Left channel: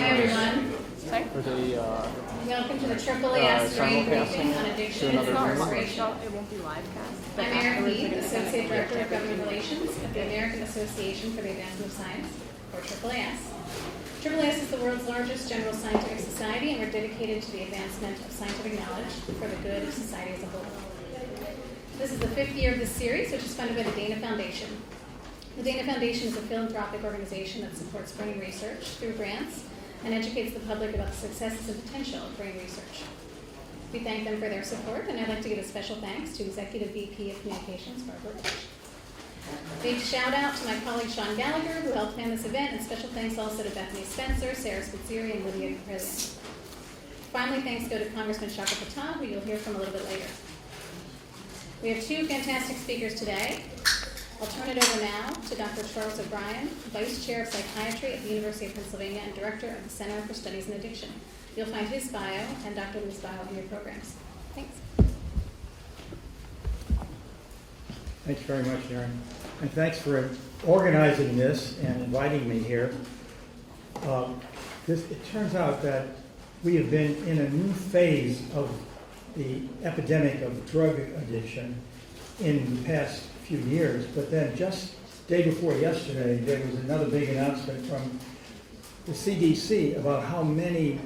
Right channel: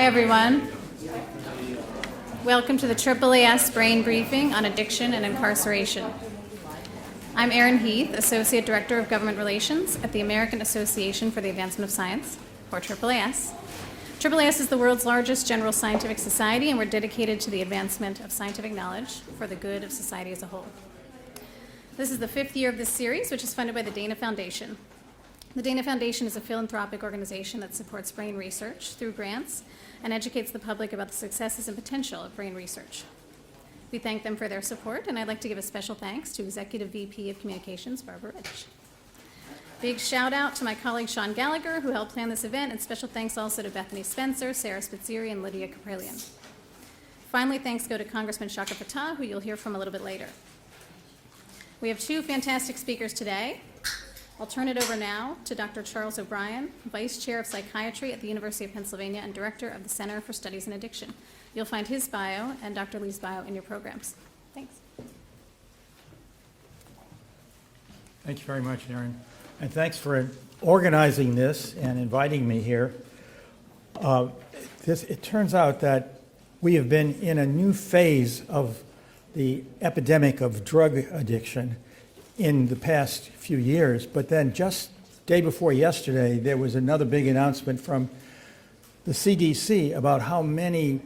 Hi, everyone. Welcome to the AAAS Brain Briefing on Addiction and Incarceration. I'm Erin Heath, Associate Director of Government Relations at the American Association for the Advancement of Science, or AAAS. AAAS is the world's largest general scientific society, and we're dedicated to the advancement of scientific knowledge for the good of society as a whole. This is the 5th year of this series, which is funded by the Dana Foundation. The Dana Foundation is a philanthropic organization that supports brain research through grants and educates the public about the successes and potential of brain research. We thank them for their support, and I'd like to give a special thanks to Executive VP of Communications, Barbara Rich. Big shout out to my colleague Sean Gallagher, who helped plan this event, and special thanks also to Bethany Spencer, Sarah Spitzeri, and Lydia Caprillion. Finally, thanks go to Congressman Chaka Fattah, who you'll hear from a little bit later. We have 2 fantastic speakers today. I'll turn it over now to Dr. Charles O'Brien, Vice Chair of Psychiatry at the University of Pennsylvania and Director of the Center for Studies in Addiction. You'll find his bio and Dr. Liu's bio in your programs. Thanks. Thank you very much, Erin. And thanks for organizing this and inviting me here. It turns out that we have been in a new phase of the epidemic of drug addiction in the past few years, but then just day before yesterday, there was another big announcement from the CDC about how many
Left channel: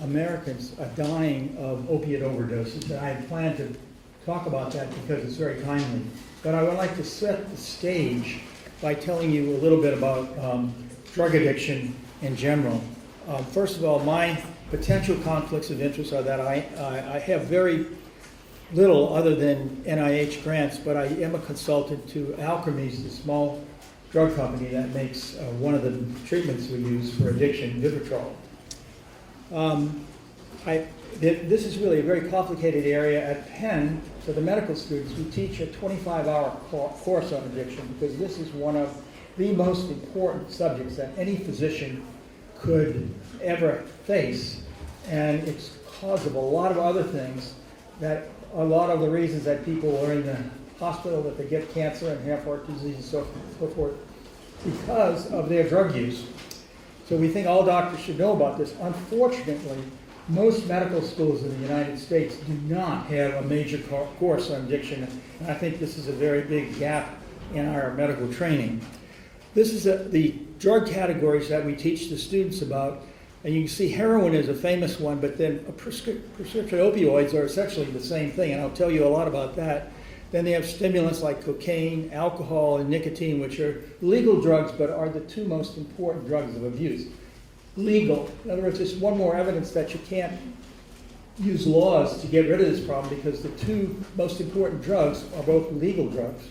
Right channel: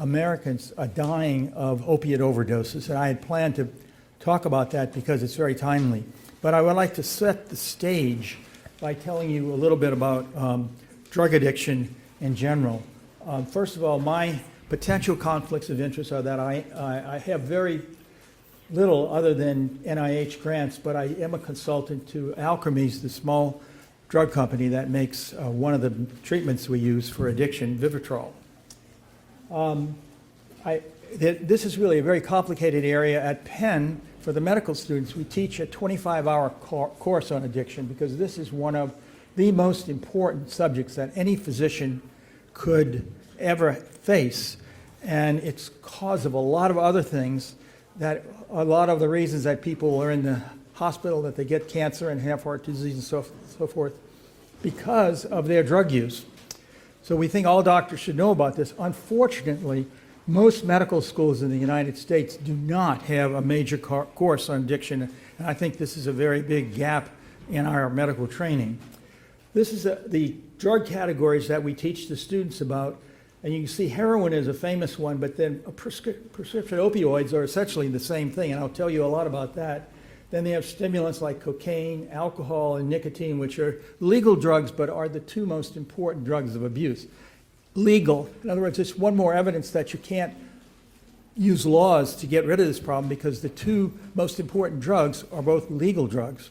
Americans are dying of opiate overdoses. And I had planned to talk about that because it's very timely. But I would like to set the stage by telling you a little bit about drug addiction in general. First of all, my potential conflicts of interest are that I have very little other than NIH grants, but I am a consultant to Alkermes, the small drug company that makes one of the treatments we use for addiction, Vivitrol. This is really a very complicated area at Penn. For the medical students, we teach a 25-hour course on addiction because this is one of the most important subjects that any physician could ever face. And it's cause of a lot of other things, that a lot of the reasons that people are in the hospital, that they get cancer and have heart disease and so forth, because of their drug use. So we think all doctors should know about this. Unfortunately, most medical schools in the United States do not have a major course on addiction, and I think this is a very big gap in our medical training. This is the drug categories that we teach the students about, and you can see heroin is a famous one, but then prescription opioids are essentially the same thing, and I'll tell you a lot about that. Then they have stimulants like cocaine, alcohol, and nicotine, which are legal drugs, but are the 2 most important drugs of abuse. Legal. In other words, it's one more evidence that you can't use laws to get rid of this problem because the 2 most important drugs are both legal drugs.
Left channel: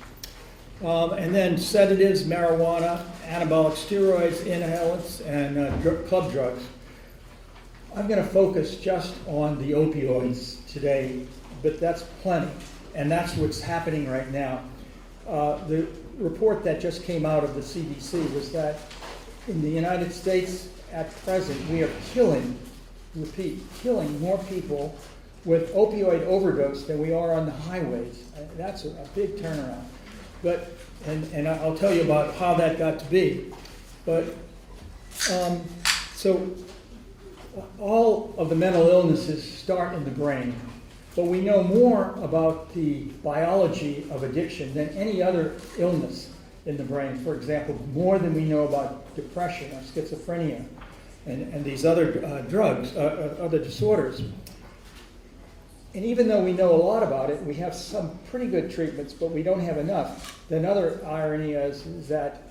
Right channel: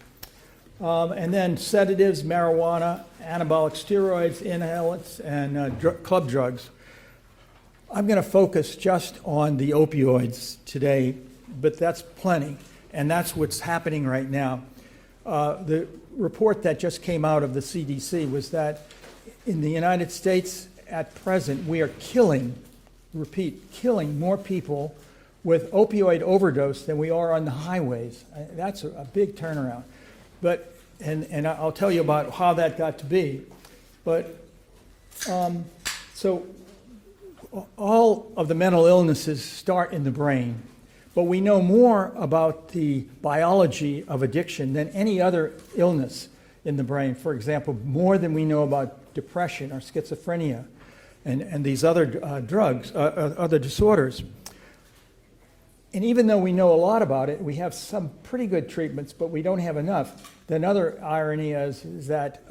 And then sedatives, marijuana, anabolic steroids, inhalants, and club drugs. I'm going to focus just on the opioids today, but that's plenty, and that's what's happening right now. The report that just came out of the CDC was that in the United States at present, we are killing more people with opioid overdose than we are on the highways. That's a big turnaround. But, and I'll tell you about how that got to be. But, so all of the mental illnesses start in the brain, but we know more about the biology of addiction than any other illness in the brain. For example, more than we know about depression or schizophrenia and these other drugs, other disorders. And even though we know a lot about it, we have some pretty good treatments, but we don't have enough. The another irony is that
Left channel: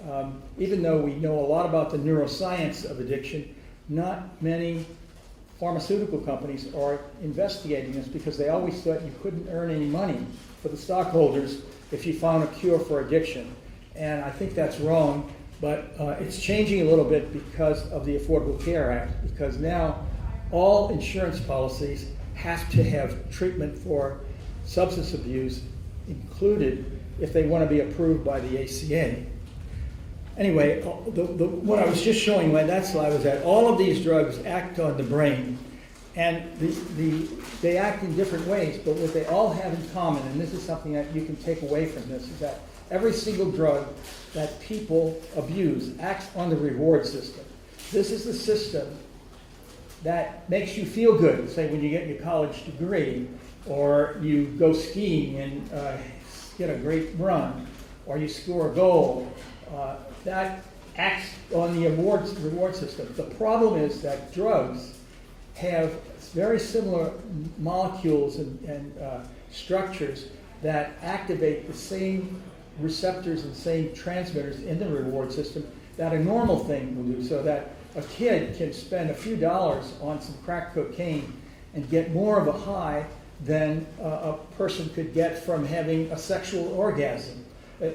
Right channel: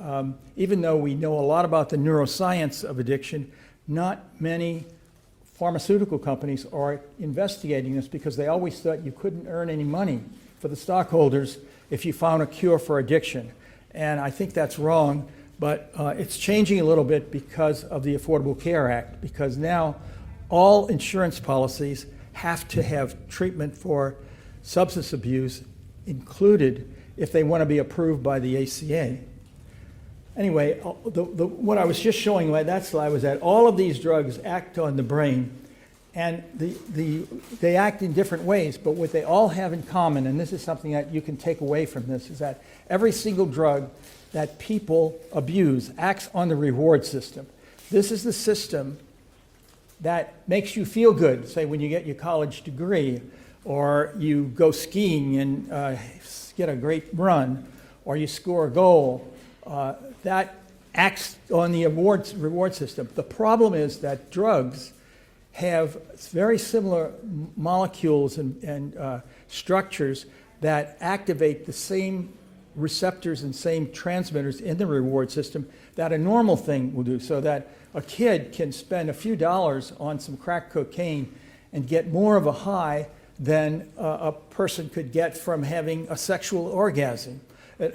even though we know a lot about the neuroscience of addiction, not many pharmaceutical companies are investigating this because they always thought you couldn't earn any money for the stockholders if you found a cure for addiction. And I think that's wrong, but it's changing a little bit because of the Affordable Care Act, because now all insurance policies have to have treatment for substance abuse included if they want to be approved by the ACA. Anyway, what I was just showing you, that slide was that all of these drugs act on the brain, and they act in different ways, but what they all have in common, and this is something that you can take away from this, is that every single drug that people abuse acts on the reward system. This is the system that makes you feel good, say when you get your college degree, or you go skiing and get a great run, or you score a goal, that acts on the reward system. The problem is that drugs have very similar molecules and structures that activate the same receptors and same transmitters in the reward system that a normal thing will do, so that a kid can spend a few dollars on some crack cocaine and get more of a high than a person could get from having a sexual orgasm.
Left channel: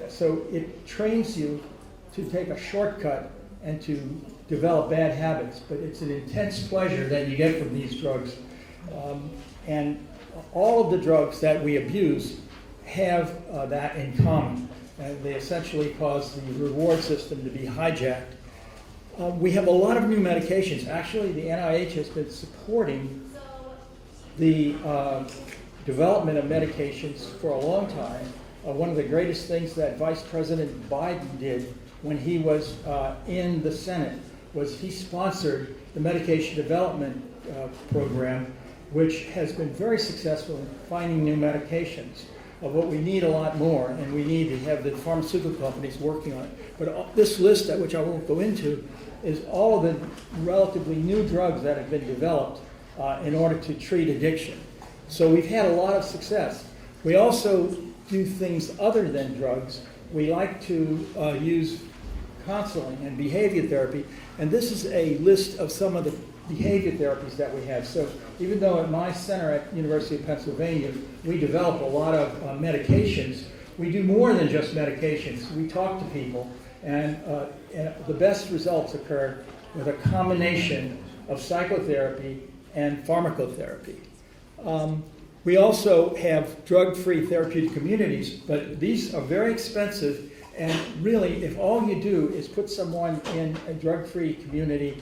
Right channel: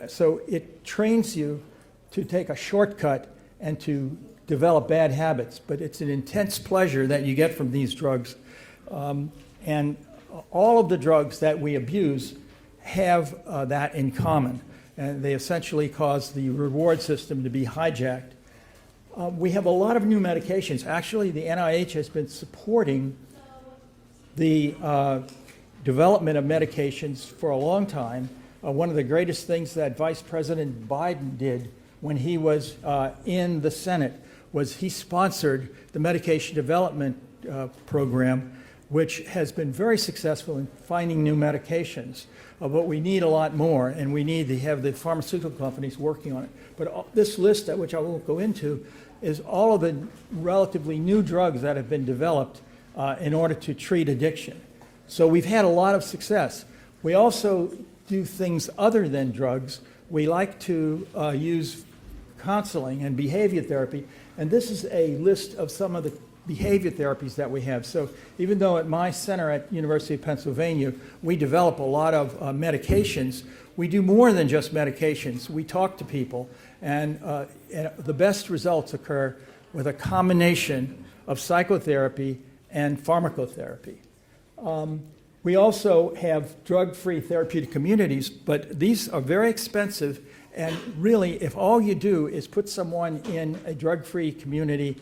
So it trains you to take a shortcut and to develop bad habits, but it's an intense pleasure that you get from these drugs. And all of the drugs that we abuse have that in common. And they essentially cause the reward system to be hijacked. We have a lot of new medications. Actually, the NIH has been supporting the development of medications for a long time. One of the greatest things that Vice President Biden did when he was in the Senate was he sponsored the medication development program, which has been very successful in finding new medications. But we need a lot more, and we need to have the pharmaceutical companies working on it. But this list, which I won't go into, is all of the relatively new drugs that have been developed in order to treat addiction. So we've had a lot of success. We also do things other than drugs. We like to use counseling and behavior therapy, and this is a list of some of the behavior therapies that we have. So even though at my center at University of Pennsylvania, we develop a lot of medications, we do more than just medications. We talk to people, and the best results occur with a combination of psychotherapy and pharmacotherapy. We also have drug-free therapeutic communities, but these are very expensive, and really, if all you do is put someone in a drug-free community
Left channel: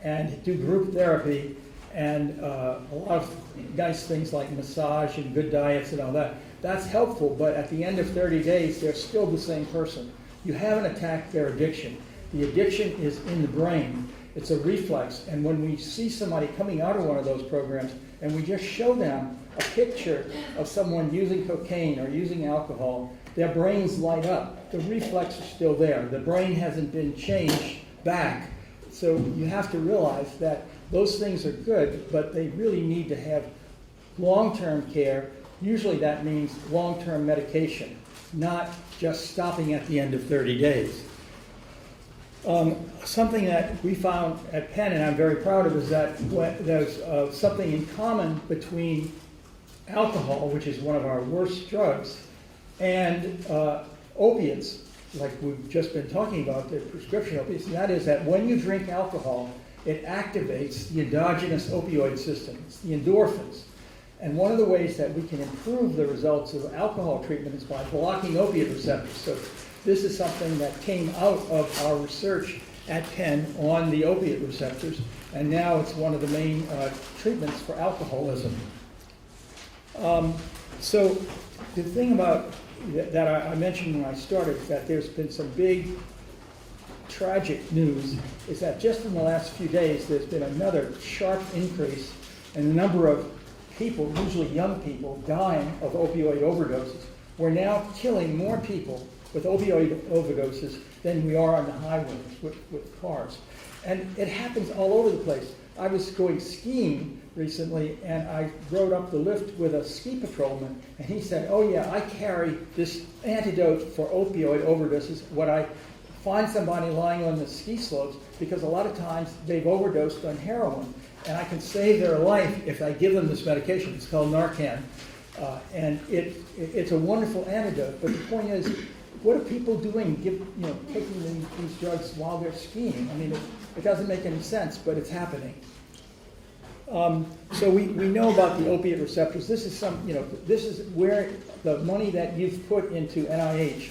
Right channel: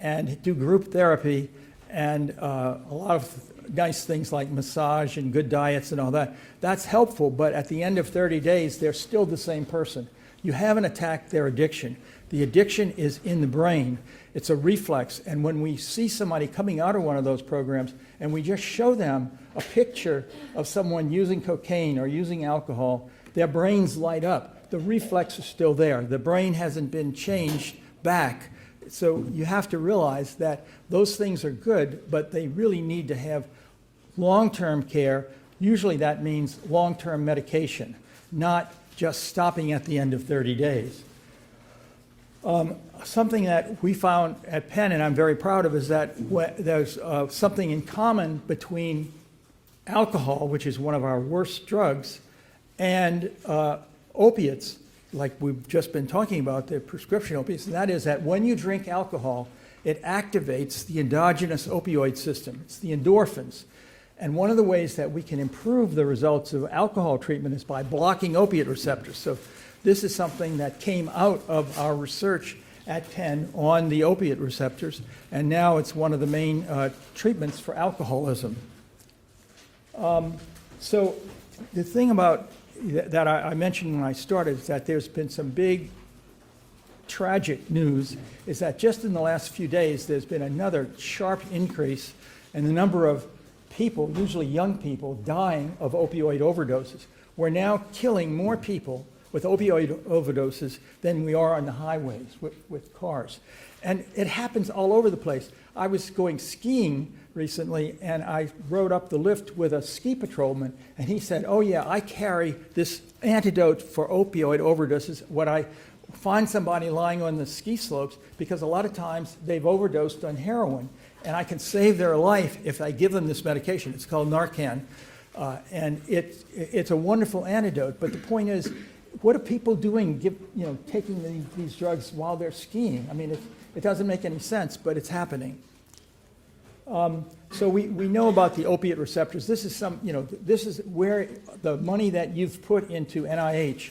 and do group therapy and a lot of nice things like massage and good diets and all that, that's helpful, but at the end of 30 days, they're still the same person. You haven't attacked their addiction. The addiction is in the brain. It's a reflex, and when we see somebody coming out of one of those programs and we just show them a picture of someone using cocaine or using alcohol, their brains light up. The reflex is still there. The brain hasn't been changed back. So you have to realize that those things are good, but they really need to have long-term care. Usually that means long-term medication, not just stopping at the end of 30 days. Something that we found at Penn, and I'm very proud of, is that there's something in common between alcohol, which is one of our worst drugs, and opiates, like we've just been talking about, the prescription opiates, and that is that when you drink alcohol, it activates the endogenous opioid system. It's the endorphins. And one of the ways that we can improve the results of alcohol treatment is by blocking opiate receptors. So this is something that came out of our research at Penn on the opiate receptors, and now it's one of the main treatments for alcoholism. So the thing about that I mentioned when I started is that there's been some big tragic news, is that just in the last few days there's been another sharp increase in the number of people, usually young people, dying of opioid overdoses. We're now killing more people with opioid overdoses than we are on the highways with cars. And it happens all over the place. I was going skiing recently, and I rode up the lift with a ski patrolman, and he said, oh yeah, I carry this antidote for opioid overdoses when I find somebody lying on the ski slopes, because a lot of times they've overdosed on heroin, and I can save their life if I give them this medication. It's called Narcan, and it's a wonderful antidote. But the point is, what are people doing, taking these drugs while they're skiing? I mean, it doesn't make any sense, but it's happening. So we know about the opiate receptors. This is where the money that you've put into NIH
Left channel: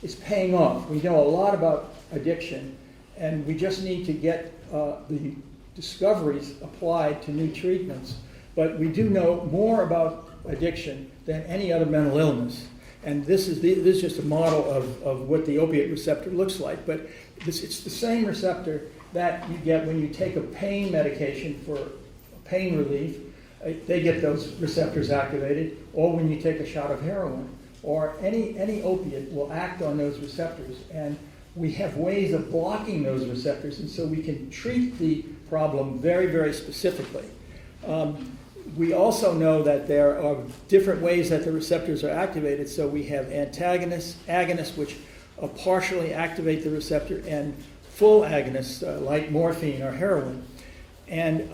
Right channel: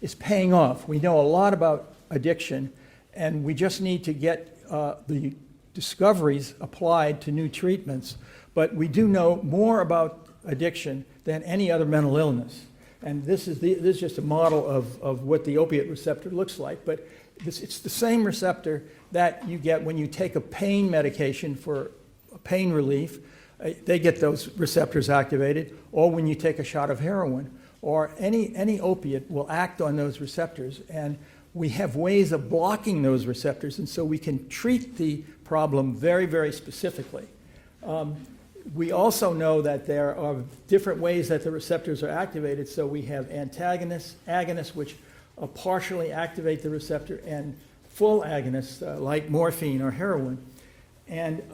is paying off. We know a lot about addiction, and we just need to get the discoveries applied to new treatments. But we do know more about addiction than any other mental illness. And this is just a model of what the opiate receptor looks like. But it's the same receptor that you get when you take a pain medication for pain relief. They get those receptors activated, or when you take a shot of heroin, or any opiate will act on those receptors. And we have ways of blocking those receptors, and so we can treat the problem very, very specifically. We also know that there are different ways that the receptors are activated. So we have antagonists, agonists, which partially activate the receptor, and full agonists like morphine or heroin. And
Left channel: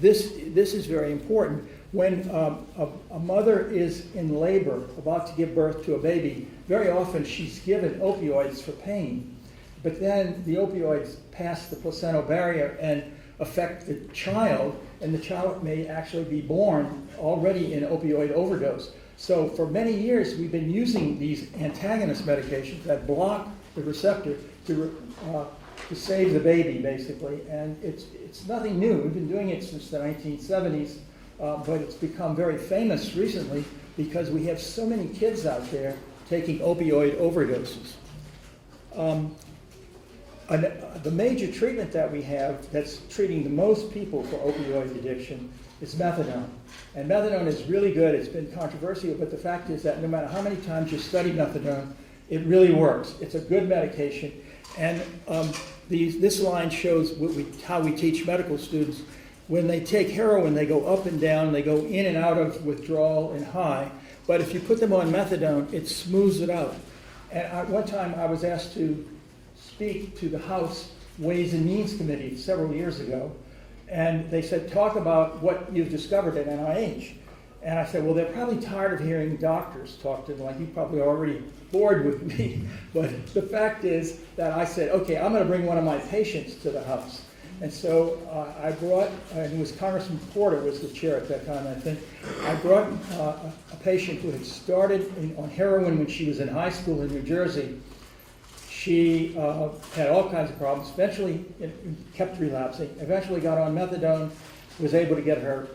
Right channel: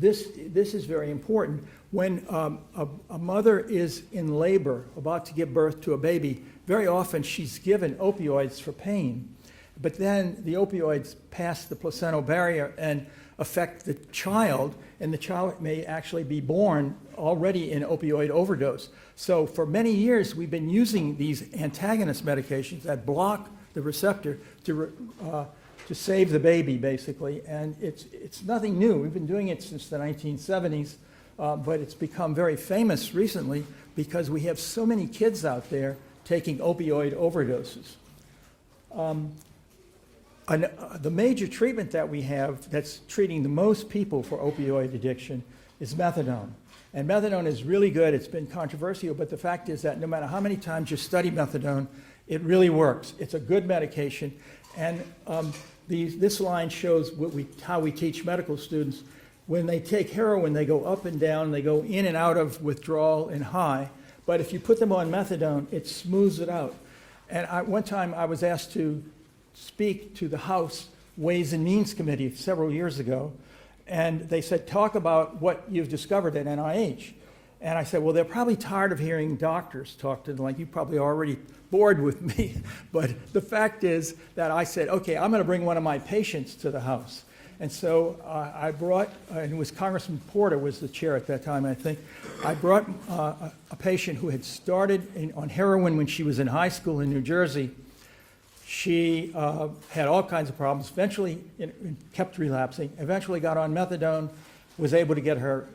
this is very important. When a mother is in labor, about to give birth to a baby, very often she's given opioids for pain. But then the opioids pass the placental barrier and affect the child, and the child may actually be born already in opioid overdose. So for many years, we've been using these antagonist medications that block the receptor to save the baby, basically. And it's nothing new. We've been doing it since the 1970s, but it's become very famous recently because we have so many kids out there taking opioid overdoses. The major treatment that we have that's treating the most people for opioid addiction is methadone. And methadone is really good. It's been controversial, but the fact is that no matter how many times you study methadone, it really works. It's a good medication. And this line shows how we teach medical students. When they take heroin, they go up and down, they go in and out of withdrawal and high. But if you put them on methadone, it smooths it out. And one time I was asked to speak to the House Ways and Means Committee several years ago, and they said, talk about what you've discovered at NIH. And I said, well, they're probably tired of hearing doctors talk to them, like you probably already bored with me. But the fact is that I said, okay, I'm going to bring one of my patients to the House. And so I brought, and it was Congressman Porter was the chair at that time, I think. I brought a patient who had started on heroin when she was in high school in New Jersey. She had all kinds of problems, eventually kept relapsing, eventually got on methadone, was able to get her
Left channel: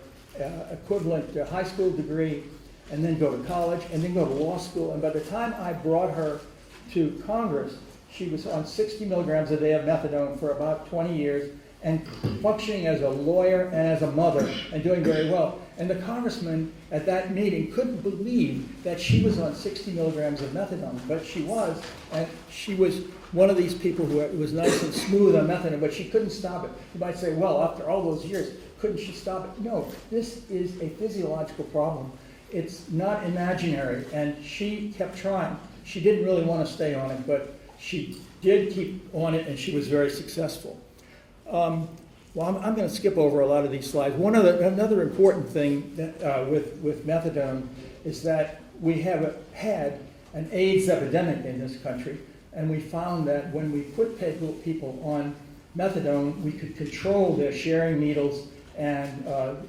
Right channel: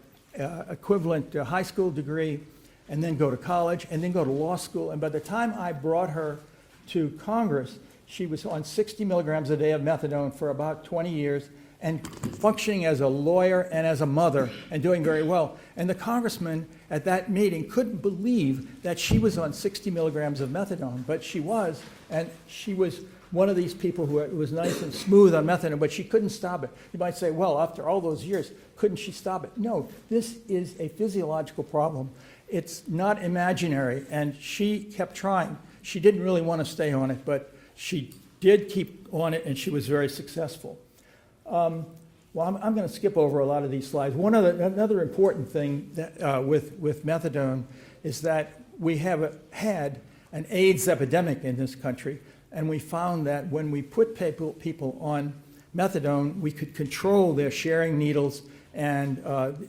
equivalent high school degree, and then go to college, and then go to law school. And by the time I brought her to Congress, she was on 60 milligrams a day of methadone for about 20 years, and functioning as a lawyer and as a mother, and doing very well. And the congressman at that meeting couldn't believe that she was on 60 milligrams of methadone, but she was, and she was one of these people who was nice and smooth on methadone, but she couldn't stop it. You might say, well, after all those years, couldn't she stop it? No, this is a physiological problem. It's not imaginary, and she kept trying. She didn't really want to stay on it, but she did keep on it, and she was very successful. Well, I'm going to skip over a lot of these slides. Another important thing that, with methadone is that we have had an AIDS epidemic in this country, and we found that when we put people on methadone, we could control their sharing needles and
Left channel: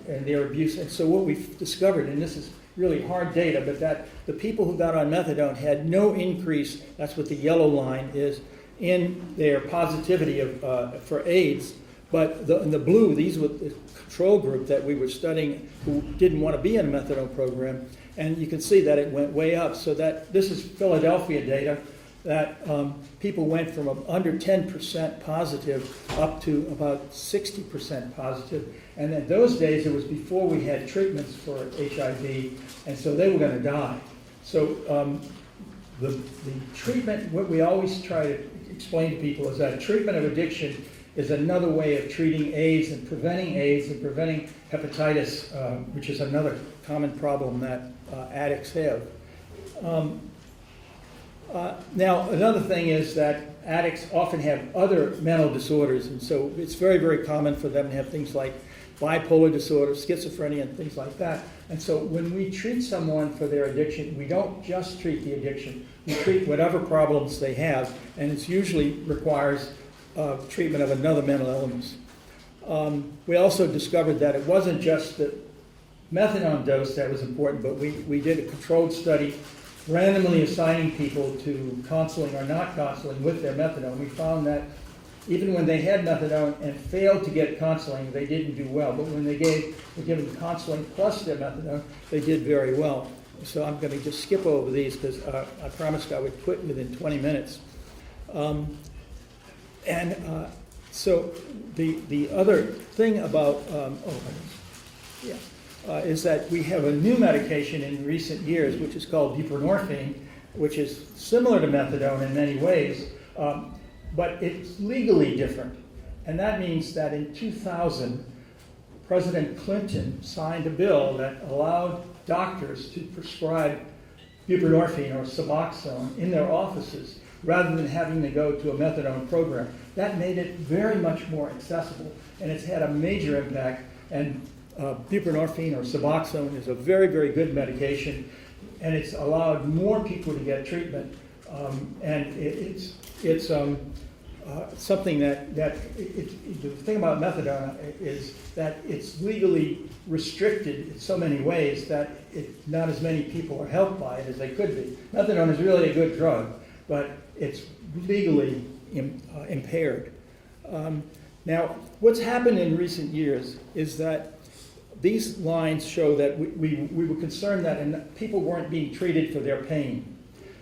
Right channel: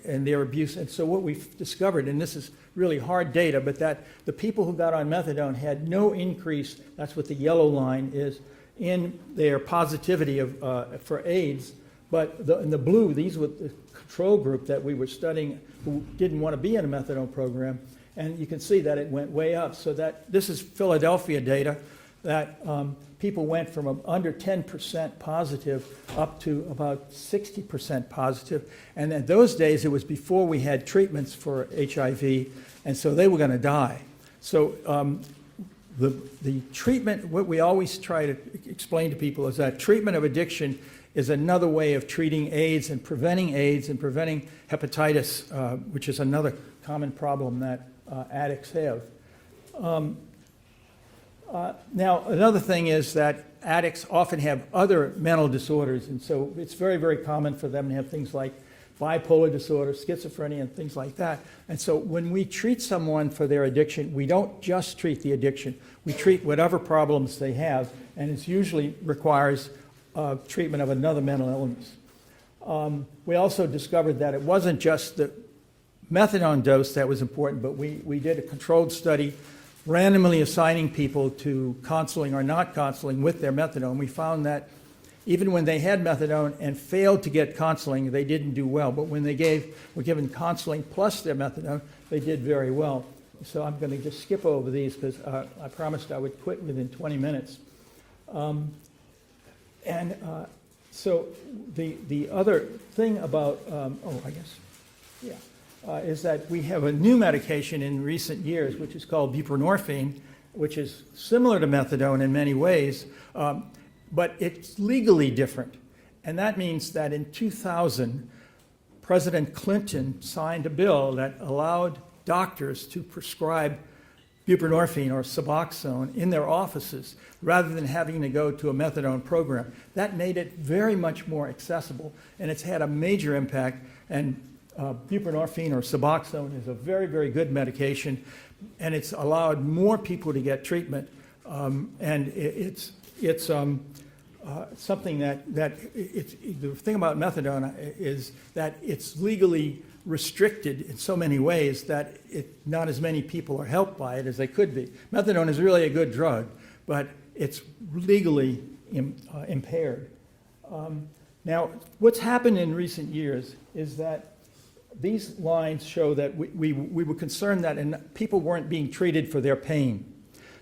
their abuse. And so what we've discovered, and this is really hard data, but that the people who got on methadone had no increase, that's what the yellow line is, in their positivity for AIDS. But in the blue, these were the control group that we were studying who didn't want to be in a methadone program. And you can see that it went way up. So that this is Philadelphia data, that people went from under 10% positive up to about 60% positive. And in those days, it was before we had treatments for HIV, and so they were going to die. So the treatment, what we always try to explain to people is that treatment of addiction is another way of treating AIDS and preventing hepatitis, which is another common problem that addicts have. Now, another thing is that addicts often have other mental disorders, and so it's very, very common for them to have things like bipolar disorder, schizophrenia, and things like that. And so when we treat someone for their addiction, we don't just treat the addiction. We treat whatever problems they have, and it usually requires treatment of another mental illness. We also discovered that it wasn't just the methadone dose that was important, but we did a controlled study randomly assigning people to counseling or not counseling with their methadone. We found that even when they had methadone and failed to get counseling, they didn't do well. But when they were given counseling plus their methadone, they did very well. So I'm going to just skip over these because I promised I would quit within 20 minutes. So the other thing about, is that we have a new medication in recent years, which is called buprenorphine, which is similar to methadone in many ways, but it's legally different. And that means that in 2000, President Clinton signed a bill that allowed doctors to prescribe buprenorphine or Suboxone in their offices rather than having to go to a methadone program. That made it very much more accessible, and it's had a major impact. And buprenorphine or Suboxone is a very, very good medication, and it's allowed more people to get treatment. And it's something that the thing about methadone is that it's legally restricted in so many ways that not as many people are helped by it as they could be. Methadone is really a good drug, but it's legally impaired. Now, what's happened in recent years is that these lines show that we were concerned that people weren't being treated for their pain.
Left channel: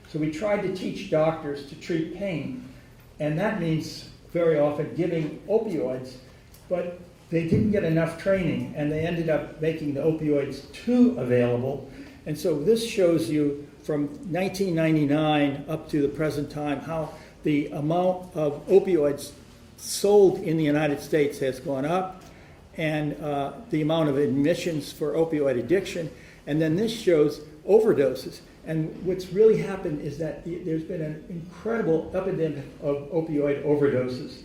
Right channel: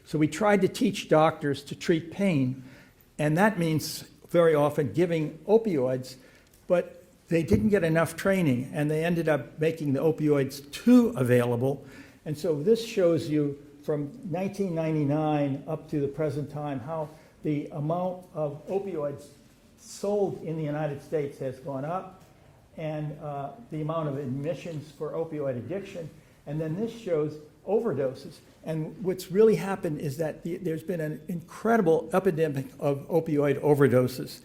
So we tried to teach doctors to treat pain, and that means very often giving opioids, but they didn't get enough training, and they ended up making the opioids too available. And so this shows you from 1999 up to the present time how the amount of opioids sold in the United States has gone up, and the amount of admissions for opioid addiction. And then this shows overdoses. And what's really happened is that there's been an incredible epidemic of opioid overdoses.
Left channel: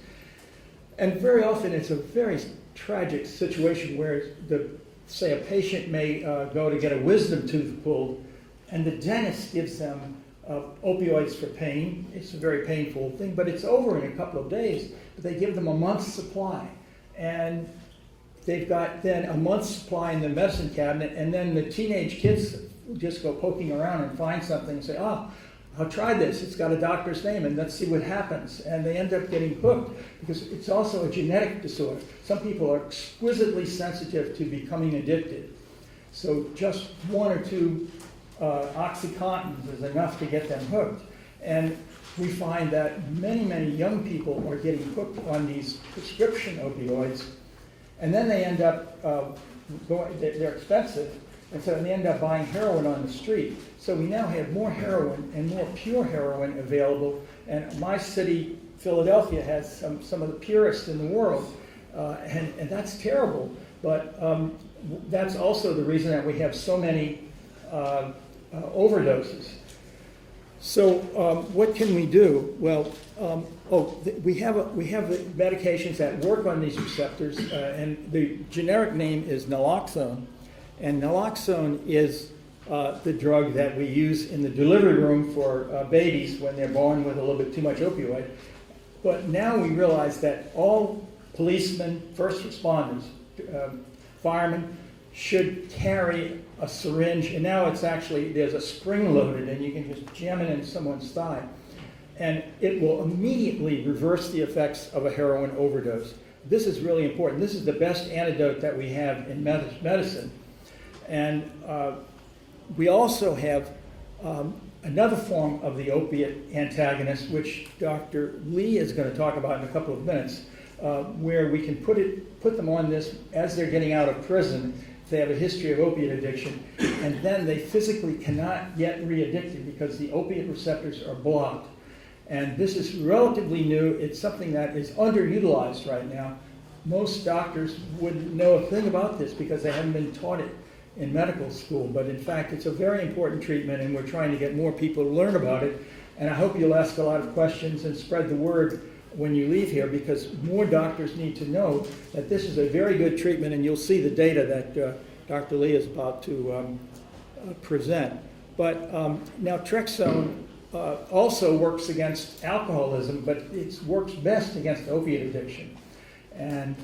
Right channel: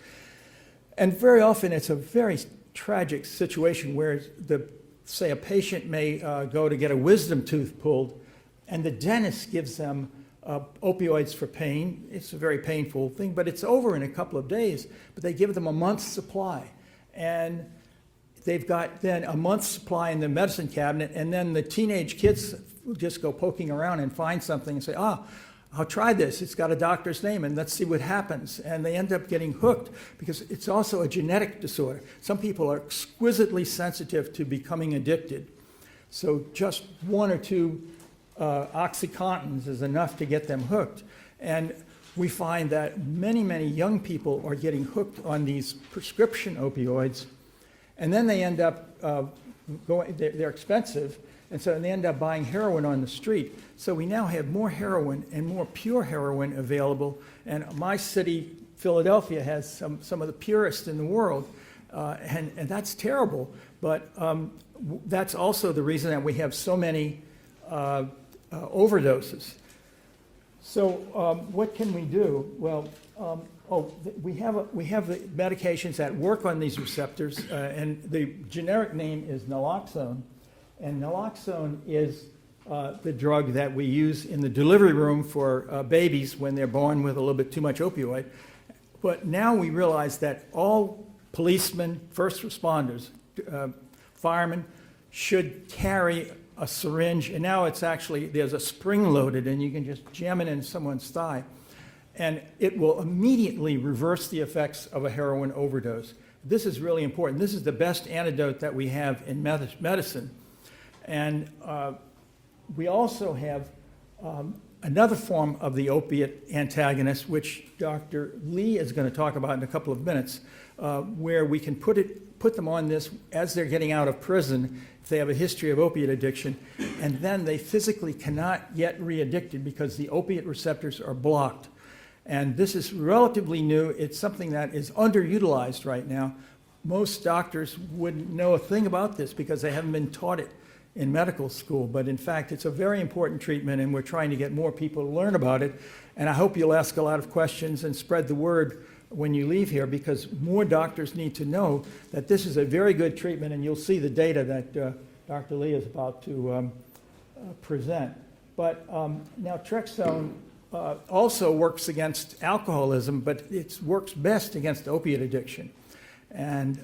And very often it's a very tragic situation where, say, a patient may go to get a wisdom tooth pulled, and the dentist gives them opioids for pain. It's a very painful thing, but it's over in a couple of days. But they give them a month's supply. And they've got then a month's supply in the medicine cabinet, and then the teenage kids just go poking around and find something and say, I'll try this. It's got a doctor's name, and let's see what happens. And they end up getting hooked because it's also a genetic disorder. Some people are exquisitely sensitive to becoming addicted. So just one or two OxyContins is enough to get them hooked. And we find that many, many young people are getting hooked on these prescription opioids, and then they end up they're expensive, and so they end up buying heroin on the street. So we now have more heroin and more pure heroin available, and my city, Philadelphia, has some of the purest in the world, and that's terrible. But that's also the reason that we have so many overdoses. So what can we do? Well, we have the medications that work on these receptors, and the generic name is naloxone. And naloxone is the drug that we use in the delivery room for babies when they're born with a little bit too much opioid. But now we realize that all policemen, first responders, firemen should carry a syringe, and now it's actually, there's a spring loaded, and you can just jam it in someone's thigh. And it will immediately reverse the effects of a heroin overdose. This is really important. This is the best antidote that we have in medicine. And we also have another form of the opiate antagonist, which Dr. Lee is going to talk about in a couple of minutes, where we can put them on this as they're getting out of prison if they have a history of opiate addiction, and then they physically cannot get re-addicted because the opiate receptors are blocked. And this is relatively new. It's something that is underutilized right now. Most doctors wouldn't know a thing about this because they haven't been taught it in medical school. But in fact, it's a very important treatment, and we're trying to get more people to learn about it. And I hope you'll ask a lot of questions and spread the word when you leave here, because more doctors need to know that this is a very good treatment, and you'll see the data that Dr. Lee is about to present. But naltrexone also works against alcoholism, but it works best against opiate addiction. And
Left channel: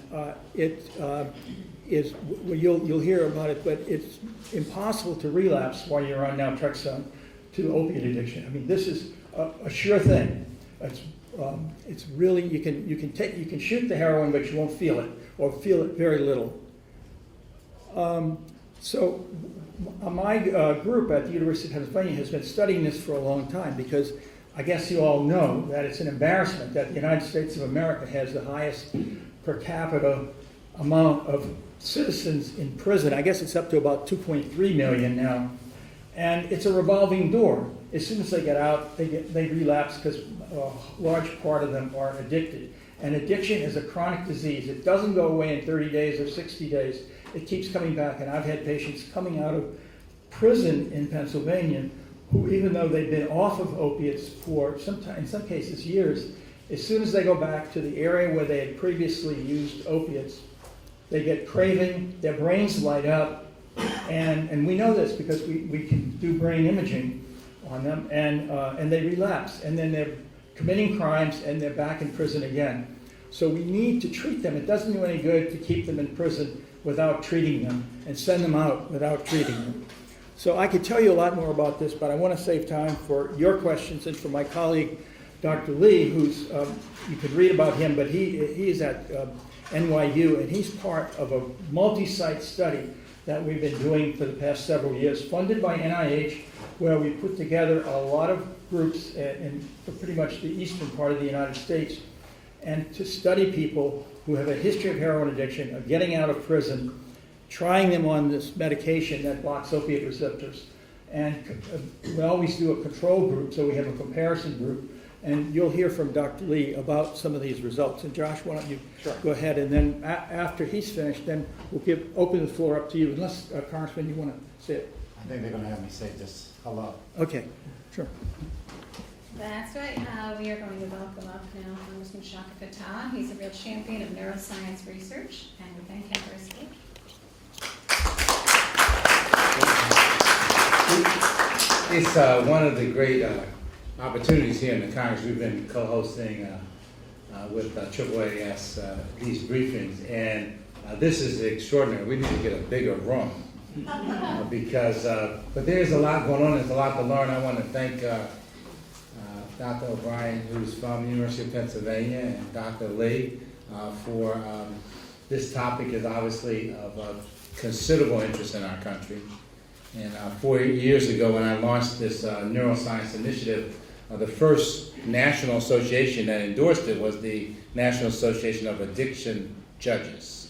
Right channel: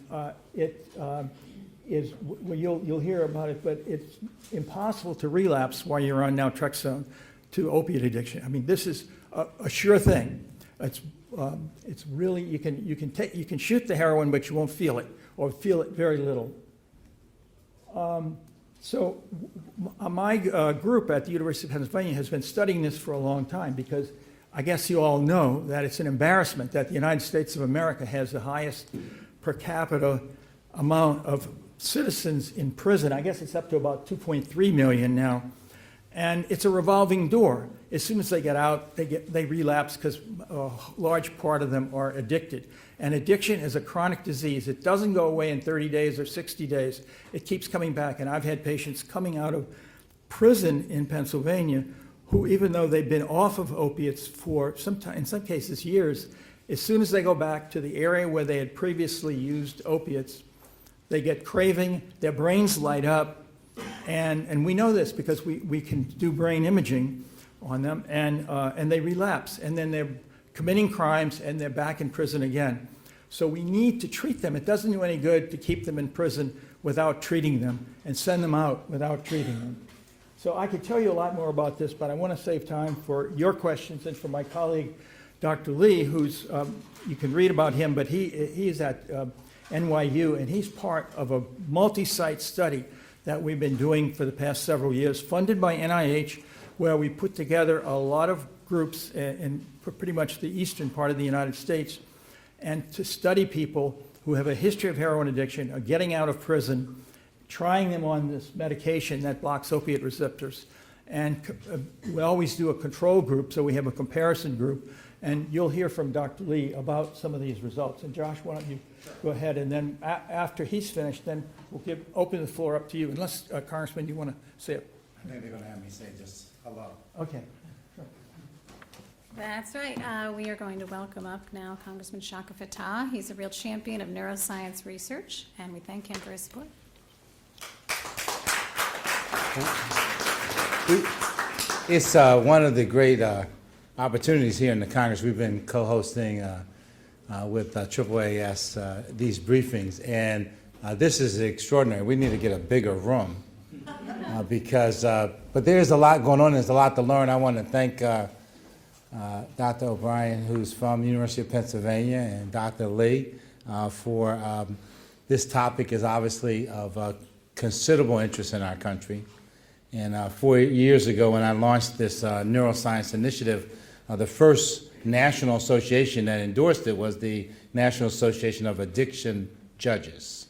you'll hear about it, but it's impossible to relapse while you're on naltrexone to opiate addiction. I mean, this is a sure thing. It's really, you can shoot the heroin, but you won't feel it, or feel it very little. So my group at the University of Pennsylvania has been studying this for a long time, because I guess you all know that it's an embarrassment that the United States of America has the highest per capita amount of citizens in prison. I guess it's up to about 2.3 million now. And it's a revolving door. As soon as they get out, they relapse because a large part of them are addicted. And addiction is a chronic disease. It doesn't go away in 30 days or 60 days. It keeps coming back. And I've had patients coming out of prison in Pennsylvania who, even though they've been off of opiates for in some cases years, as soon as they go back to the area where they had previously used opiates, they get craving, their brains light up, and we know this because we can do brain imaging on them, and they relapse, and then they're committing crimes, and they're back in prison again. So we need to treat them. It doesn't do any good to keep them in prison without treating them, and send them out without treating them. So I could tell you a lot more about this, but I want to save time for your questions and for my colleague, Dr. Lee, who's, you can read about him, but he's at NYU, and he's part of a multi-site study that we've been doing for the past several years, funded by NIH, where we put together a lot of groups in pretty much the eastern part of the United States, and to study people who have a history of heroin addiction, of getting out of prison, trying them on this medication that blocks opiate receptors. And we always do a control group, so we have a comparison group, and you'll hear from Dr. Lee about some of these results. And Josh, why don't you go ahead, and then after he's finished, then we'll open the floor up to you, unless, Congressman, you want to say it. I think they're going to have me say just hello. Okay, sure. That's right. We are going to welcome up now Congressman Chaka Fattah. He's a real champion of neuroscience research, and we thank him for his support. It's one of the great opportunities here in the Congress. We've been co-hosting with AAAS these briefings, and this is extraordinary. We need to get a bigger room because, but there's a lot going on. There's a lot to learn. I want to thank Dr. O'Brien, who's from the University of Pennsylvania, and Dr. Lee for this topic is obviously of considerable interest in our country. And 4 years ago, when I launched this neuroscience initiative, the first national association that endorsed it was the National Association of Addiction Judges.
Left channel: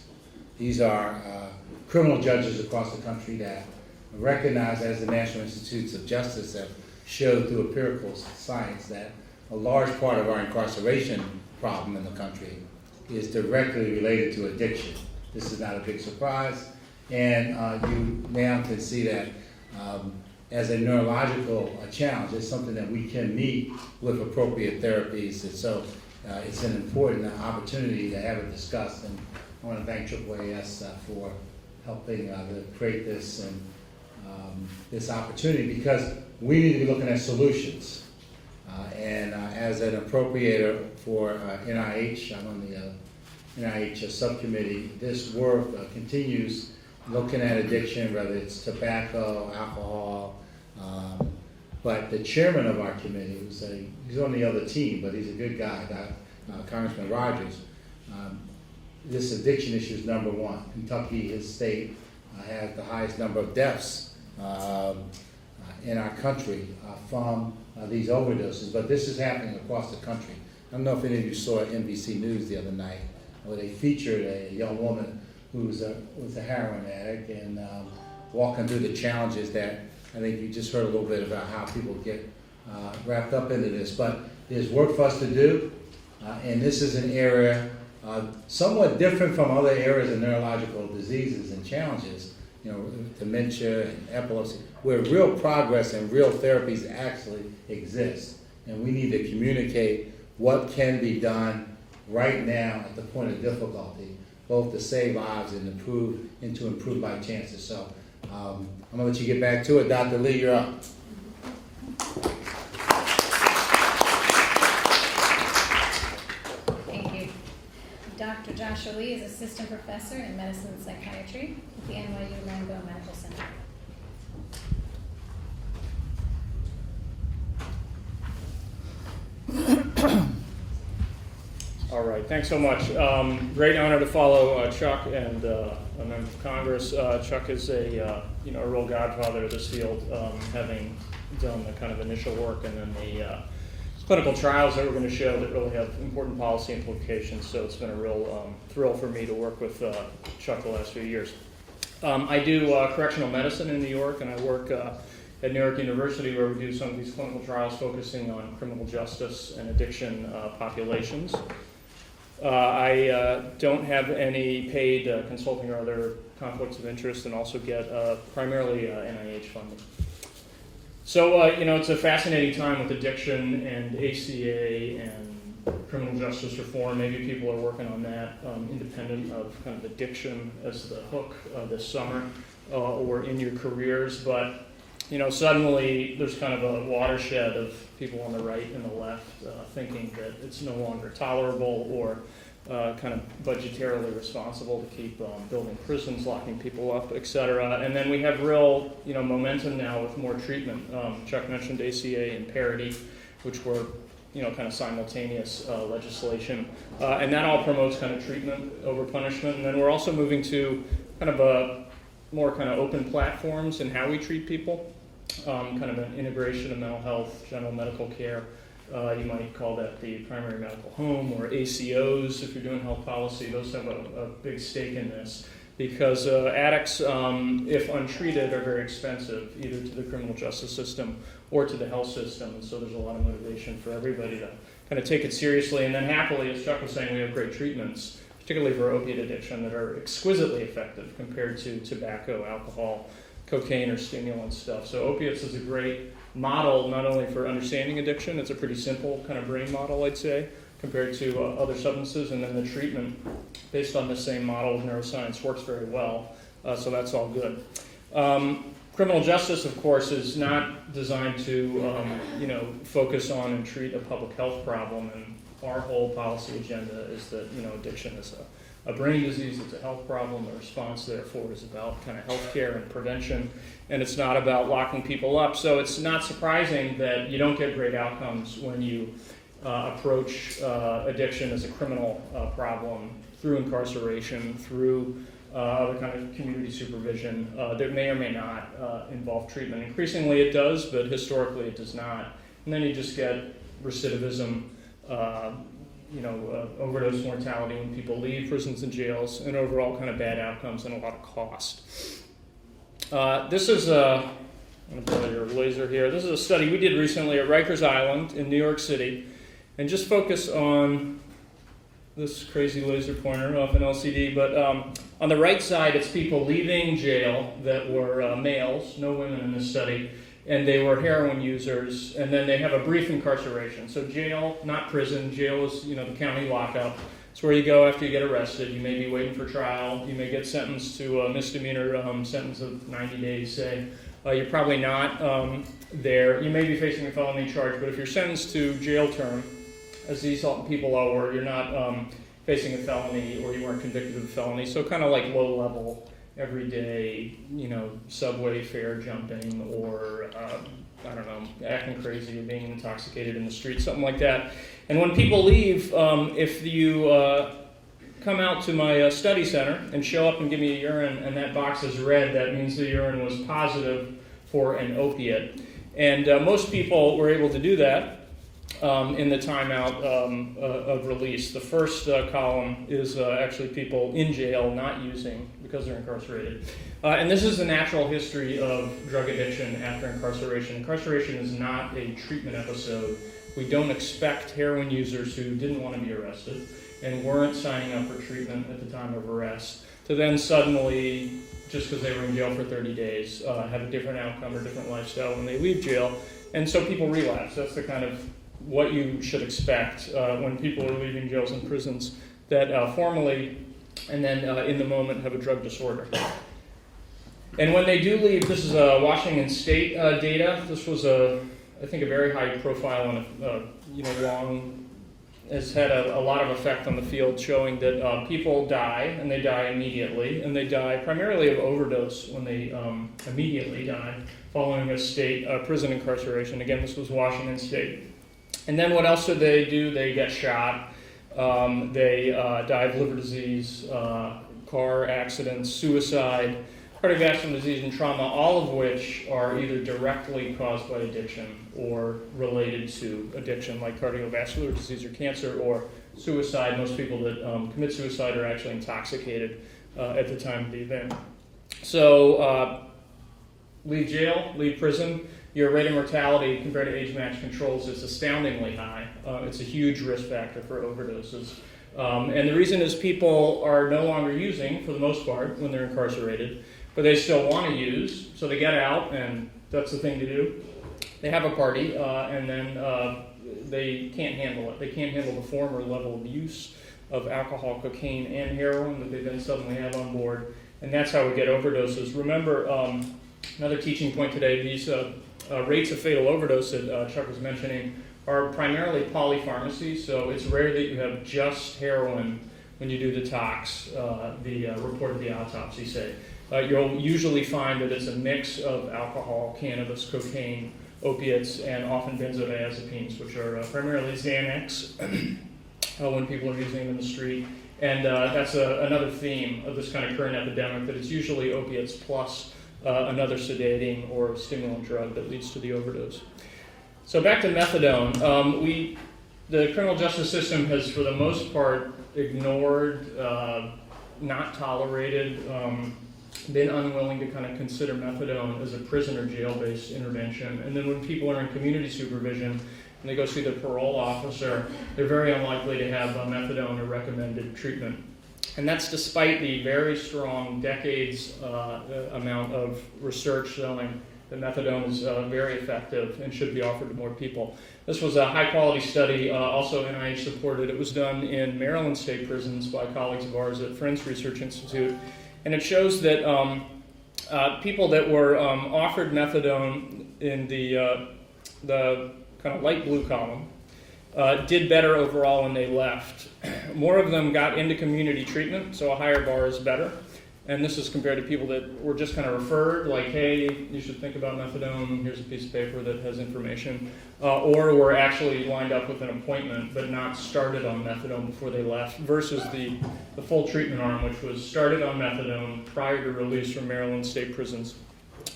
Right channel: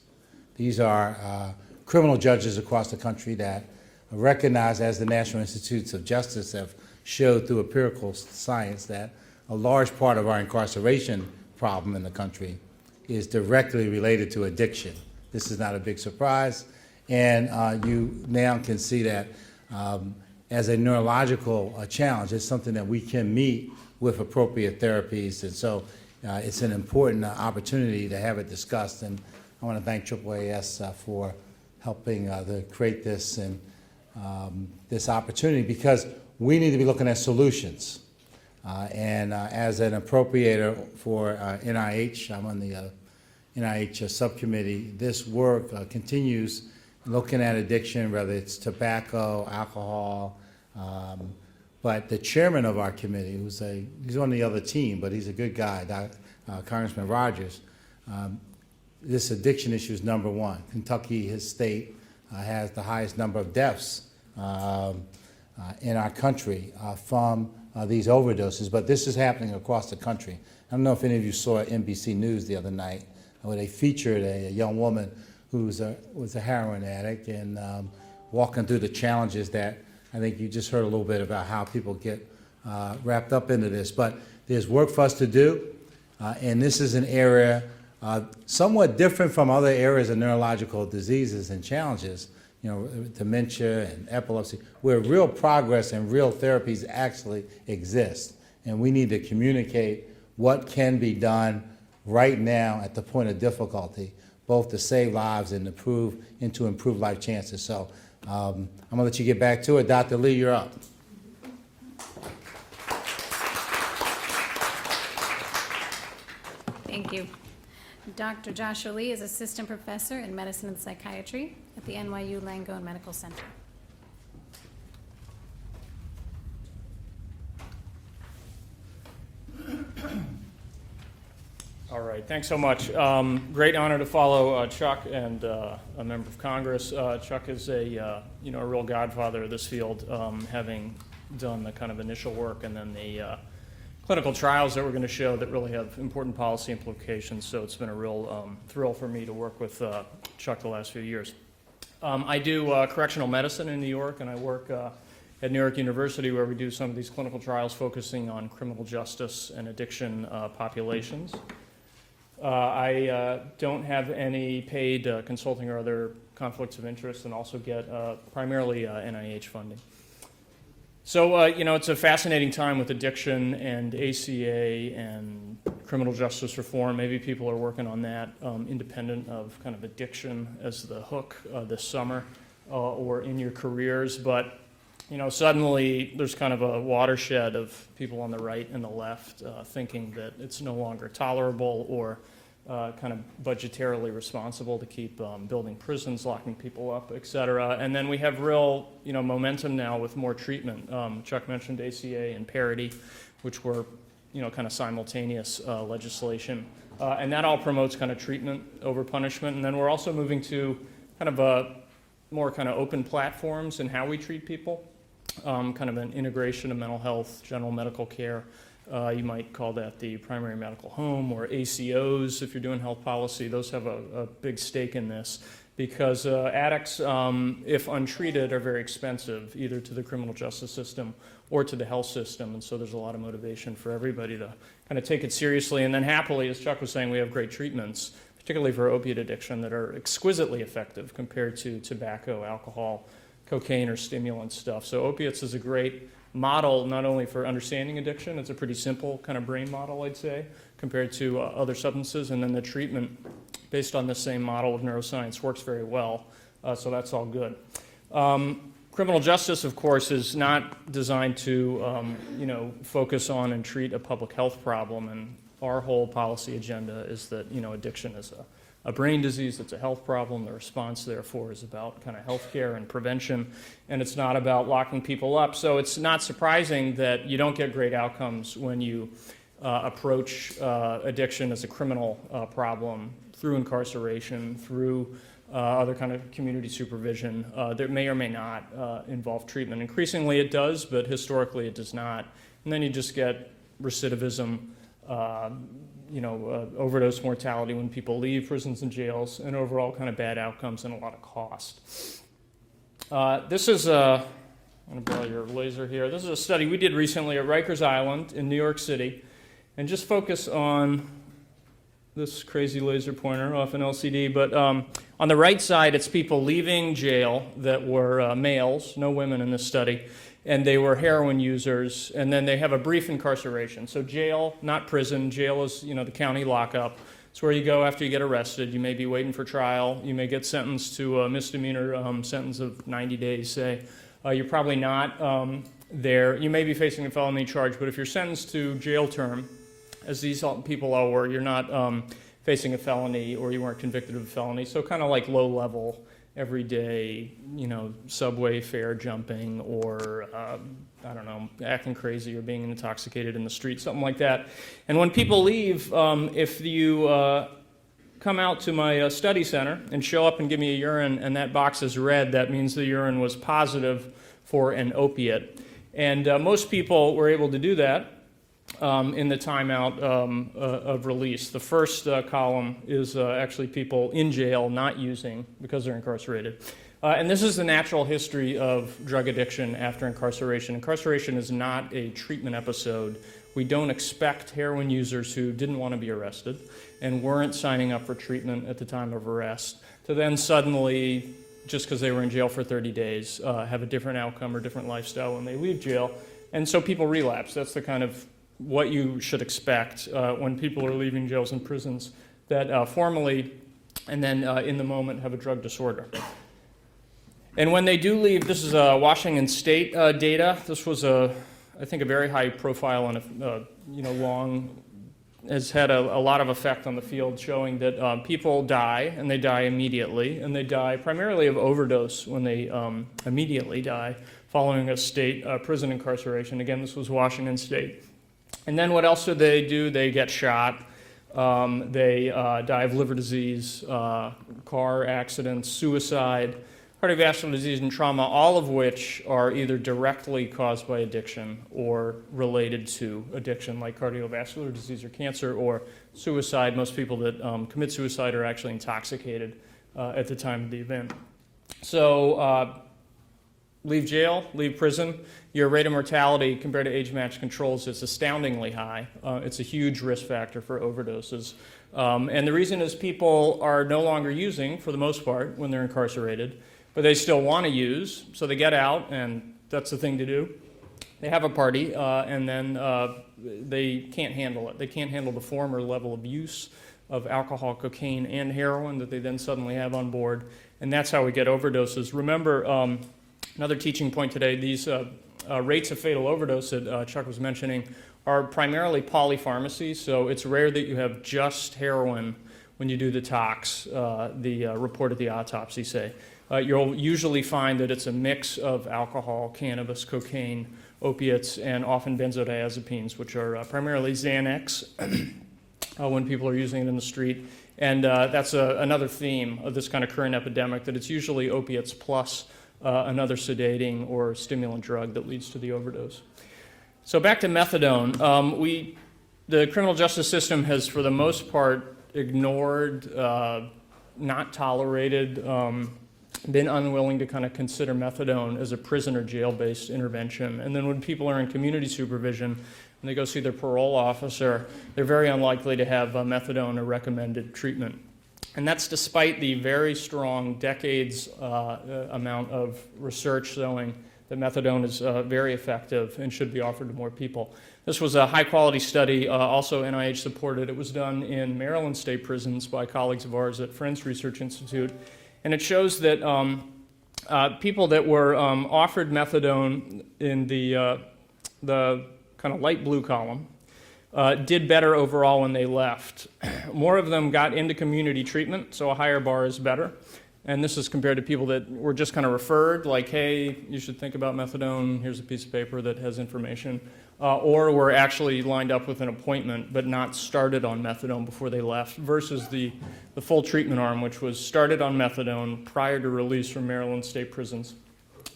These are criminal judges across the country that are recognized as the National Institutes of Justice have showed through empirical science that a large part of our incarceration problem in the country is directly related to addiction. This is not a big surprise. And you now can see that as a neurological challenge, it's something that we can meet with appropriate therapies. And so it's an important opportunity to have it discussed. And I want to thank AAAS for helping to create this and this opportunity, because we need to be looking at solutions. And as an appropriator for NIH, I'm on the NIH subcommittee, this work continues looking at addiction, whether it's tobacco, alcohol, but the chairman of our committee, he's on the other team, but he's a good guy, Congressman Rogers. This addiction issue is number one. Kentucky, his state, has the highest number of deaths in our country from these overdoses, but this is happening across the country. I don't know if any of you saw NBC News the other night, where they featured a young woman who was a heroin addict and walking through the challenges that I think you just heard a little bit about how people get wrapped up into this. But there's work for us to do, and this is an area somewhat different from other areas of neurological diseases and challenges, dementia and epilepsy, where real progress and real therapies actually exist. And we need to communicate what can be done right now at the point of difficulty, both to save lives and to improve life chances. So I'm gonna let you get back to it. Dr. Lee, you're up. Thank you. Dr. Joshua Lee is Assistant Professor in Medicine and Psychiatry at the NYU Langone Medical Center. All right, thanks so much. Great honor to follow Chuck and a member of Congress. Chuck is a real godfather of this field, having done the kind of initial work and then the clinical trials that we're going to show that really have important policy implications. So it's been a real thrill for me to work with Chuck the last few years. I do correctional medicine in New York, and I work at New York University where we do some of these clinical trials focusing on criminal justice and addiction populations. I don't have any paid consulting or other conflicts of interest, and also get primarily NIH funding. So, it's a fascinating time with addiction and ACA and criminal justice reform. Maybe people are working on that independent of kind of addiction as the hook this summer or in your careers. But, suddenly there's kind of a watershed of people on the right and the left thinking that it's no longer tolerable or kind of budgetarily responsible to keep building prisons, locking people up, et cetera. And then we have real, momentum now with more treatment. Chuck mentioned ACA and parity, which were, kind of simultaneous legislation. And that all promotes kind of treatment over punishment. And then we're also moving to kind of more kind of open platforms in how we treat people, kind of an integration of mental health, general medical care. You might call that the primary medical home, or ACOs if you're doing health policy. Those have a big stake in this because addicts, if untreated, are very expensive, either to the criminal justice system or to the health system. And so there's a lot of motivation for everybody to kind of take it seriously. And then happily, as Chuck was saying, we have great treatments, particularly for opiate addiction, that are exquisitely effective compared to tobacco, alcohol, cocaine, or stimulant stuff. So opiates is a great model not only for understanding addiction. It's a pretty simple kind of brain model, I'd say, compared to other substances. And then the treatment based on the same model of neuroscience works very well. So that's all good. Criminal justice, of course, is not designed to focus on and treat a public health problem. And our whole policy agenda is that addiction is a brain disease. It's a health problem. The response, therefore, is about kind of healthcare and prevention, and it's not about locking people up. So it's not surprising that you don't get great outcomes when you approach addiction as a criminal problem through incarceration, through other kind of community supervision that may or may not involve treatment. Increasingly it does, but historically it does not. And then you just get recidivism, overdose mortality when people leave prisons and jails, and overall kind of bad outcomes and a lot of cost. This is I'm going to put your laser here. This is a study we did recently at Rikers Island in New York City, and just focus on this crazy laser pointer off an LCD, but on the right side it's people leaving jail that were males, no women in this study, and they were heroin users, and then they have a brief incarceration. So jail, not prison. Jail is, the county lockup. It's where you go after you get arrested. You may be waiting for trial. You may get sentenced to a misdemeanor sentence of 90 days, say. You're probably not there. You may be facing a felony charge, but if you're sentenced to jail term, as these people all were, you're not facing a felony, or you weren't convicted of a felony. So kind of like low-level, everyday, subway fare jumping, or acting crazy or being intoxicated in the street, something like that. And when people leave, if you come out to my study center and show up and give me a urine and that box is red, that means the urine was positive for an opiate. And most people were able to do that in the timeout of release. The first column is actually people in jail not using because they're incarcerated. And this is the natural history of drug addiction after incarceration. Incarceration is not a treatment episode. We don't expect heroin users who didn't want to be arrested and weren't signing up for treatment at the time of arrest to then suddenly, just because they were in jail for 30 days, have a different outcome or different lifestyle when they leave jail. And so people relapse. That's the kind of what you should expect when people are leaving jails and prisons that formally and then in the moment have a drug disorder. And when they do leave, this is Washington State data. This was I think a very high profile and has had a lot of effect on the field, showing that people die, and they die immediately, and they die primarily of overdose when they immediately die following a state prison incarceration. Again, this was Washington State. And then what else do? They get shot. They die of liver disease, car accidents, suicide. cardiovascular disease, and trauma, all of which are either directly caused by addiction or related to addiction, like cardiovascular disease or cancer or suicide. Most people that commit suicide are actually intoxicated at the time of the event. So leave jail, leave prison, your rate of mortality compared to age-matched controls is astoundingly high. It's a huge risk factor for overdoses. And the reason is people are no longer using, for the most part, when they're incarcerated, but they still want to use, so they get out, and that's the thing to do. They have a party, and then they can't handle it. They can't handle the former level of use of alcohol, cocaine, and heroin that they then suddenly have on board, and that's how we get overdoses. Remember, another teaching point today, these rates of fatal overdose that Chuck was mentioning are primarily polypharmacy, so it's rare that you have just heroin when you do the tox, the report of the autopsy, say. You'll usually find that it's a mix of alcohol, cannabis, cocaine, opiates, and often benzodiazepines, which are primarily Xanax when people are using them in the street. And that's another theme of this kind of current epidemic, that it's usually opiates plus another sedating or stimulant drug that leads to the overdose. So back to methadone. The criminal justice system has, for the most part, ignored, not tolerated, been unwilling to kind of consider methadone as a prison or jail-based intervention. And then when people are in community supervision and they go see their parole officer, they're very unlikely to have methadone or recommended treatment. And that's despite the very strong decades amount of research showing that methadone is very effective and should be offered to more people. This was a high-quality study, also NIH supported. It was done in Maryland state prisons by colleagues of ours at Friends Research Institute. And it shows that people that were offered methadone in the kind of light blue column did better overall when they left. More of them got into community treatment, so a higher bar is better. And this is compared to people that were just kind of referred, like, hey, you should think about methadone, here's a piece of paper that has information, or were actually lined up with an appointment but not started on methadone before they left, versus the full treatment arm, which was started on methadone prior to release from Maryland state prisons.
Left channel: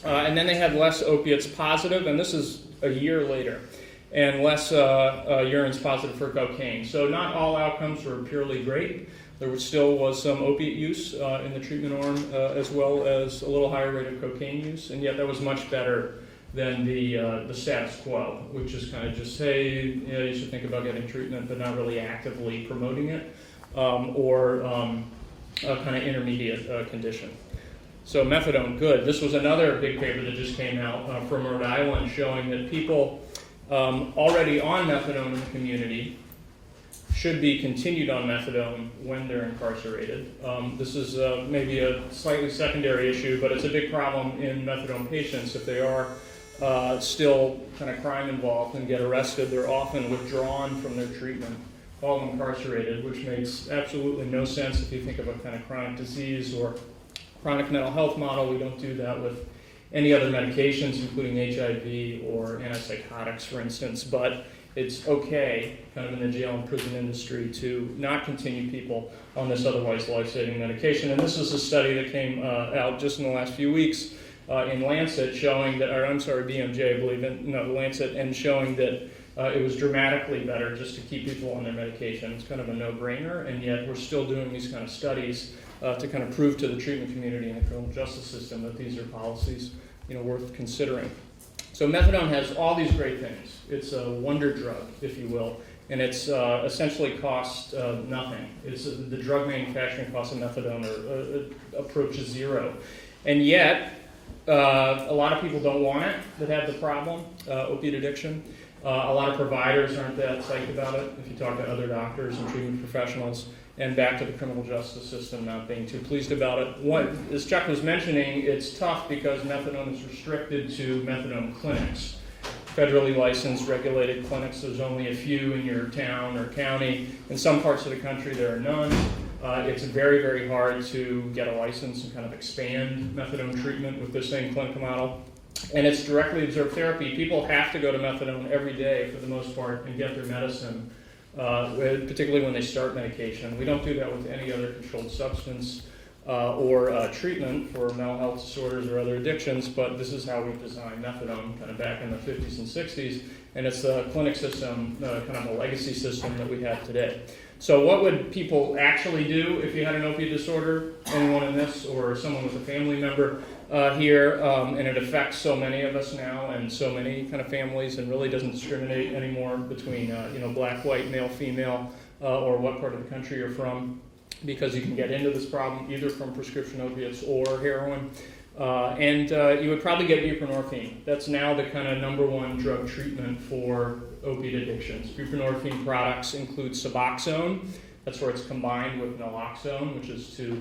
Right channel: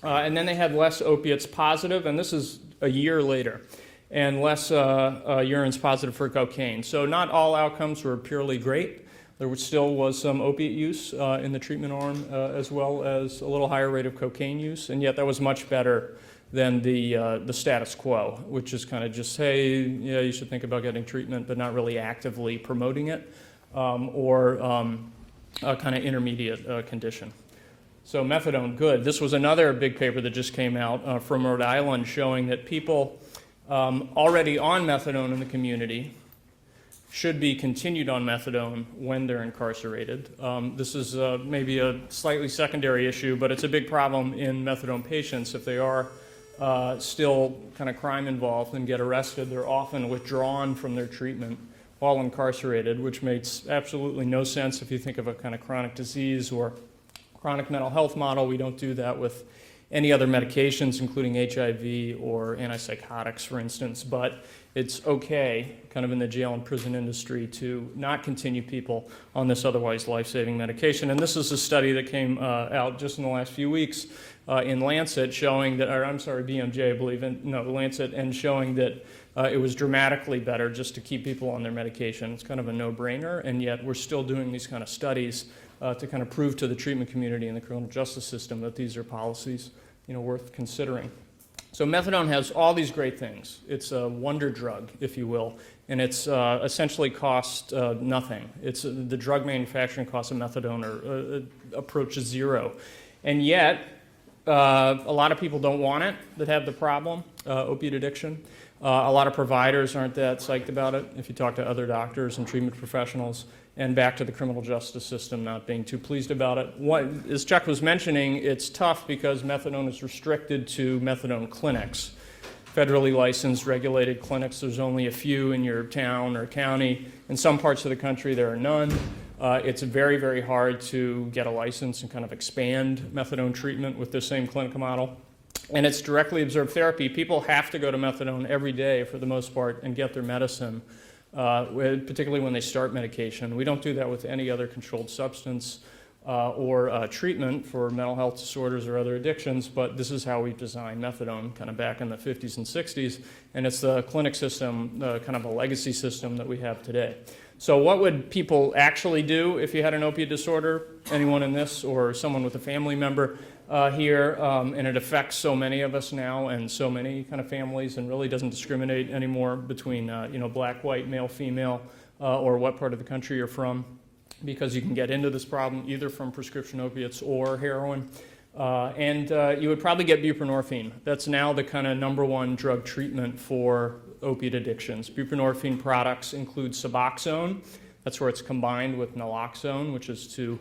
And then they had less opiates positive, and this is a year later, and less urines positive for cocaine. So not all outcomes were purely great. There still was some opiate use in the treatment arm, as well as a little higher rate of cocaine use, and yet that was much better than the status quo, which is kind of just, hey, yeah, you should think about getting treatment, but not really actively promoting it, or a kind of intermediate condition. So methadone, good. This was another big paper that just came out from Rhode Island showing that people already on methadone in the community should be continued on methadone when they're incarcerated. This is maybe a slightly secondary issue, but it's a big problem in methadone patients. If they are still kind of crime involved and get arrested, they're often withdrawn from their treatment while incarcerated, which makes absolutely no sense if you think of a kind of chronic disease or chronic mental health model. We don't do that with any other medications, including HIV or antipsychotics, for instance, but it's okay, kind of in the jail and prison industry, to not continue people on this otherwise life-saving medication. And this is a study that came out just in the last few weeks in Lancet showing that, or I'm sorry, BMJ, I believe, Lancet, and showing that it was dramatically better just to keep people on their medication. It's kind of a no-brainer, and yet we're still doing these kind of studies to kind of prove to the treatment community and the criminal justice system that these are policies, worth considering. So methadone has all these great things. It's a wonder drug, if you will, and it's essentially cost nothing. It's the drug manufacturing cost of methadone approaches zero, and yet a lot of people don't want it that have the problem, opiate addiction. A lot of providers aren't that psyched about it. If you talk to other doctors and treatment professionals, and back to the criminal justice system not being too pleased about it. As Chuck was mentioning, it's tough because methadone is restricted to methadone clinics. Federally licensed, regulated clinics, there's only a few in your town or county. In some parts of the country, there are none. It's very, very hard to get a license and kind of expand methadone treatment with the same clinical model. And it's directly observed therapy. People have to go to methadone every day for the most part and get their medicine. Particularly when they start medication. We don't do that with any other controlled substance. or treatment for mental health disorders or other addictions, but this is how we designed methadone kind of back in the 50s and 60s, and it's the clinic system, kind of a legacy system that we have today. So what would people actually do if you had an opiate disorder? Anyone in this or someone with a family member here, and it affects so many of us now and so many kind of families, and really doesn't discriminate anymore between black, white, male, female, or what part of the country you're from, because you can get into this problem either from prescription opiates or heroin. And you would probably get buprenorphine. That's now the kind of #1 drug treatment for opiate addictions. Buprenorphine products include Suboxone. That's where it's combined with naloxone, which is to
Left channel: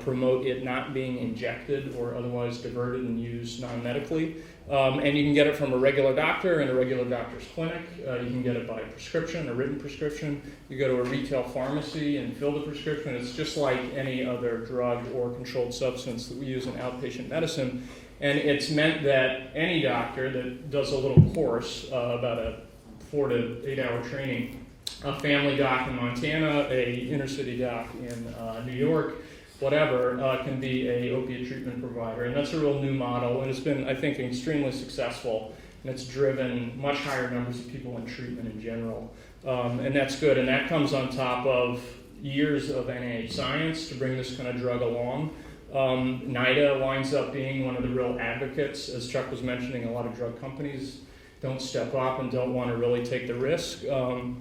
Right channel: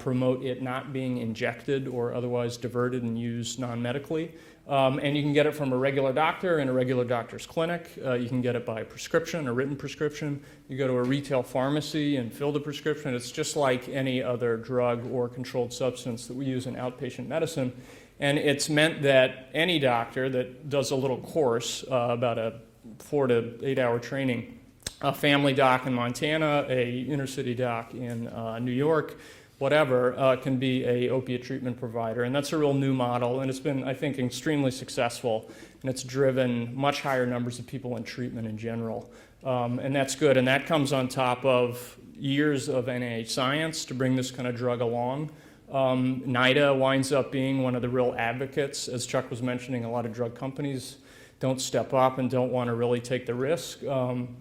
promote it not being injected or otherwise diverted and used non-medically. And you can get it from a regular doctor in a regular doctor's clinic. You can get it by prescription, a written prescription. You go to a retail pharmacy and fill the prescription. It's just like any other drug or controlled substance that we use in outpatient medicine. And it's meant that any doctor that does a little course, about a 4 to 8 hour training, a family doc in Montana, a inner city doc in New York, whatever, can be a opiate treatment provider. And that's a real new model, and it's been, I think, extremely successful, and it's driven much higher numbers of people in treatment in general. And that's good, and that comes on top of years of NIH science to bring this kind of drug along. NIDA winds up being one of the real advocates. As Chuck was mentioning, a lot of drug companies don't step up and don't want to really take the risk,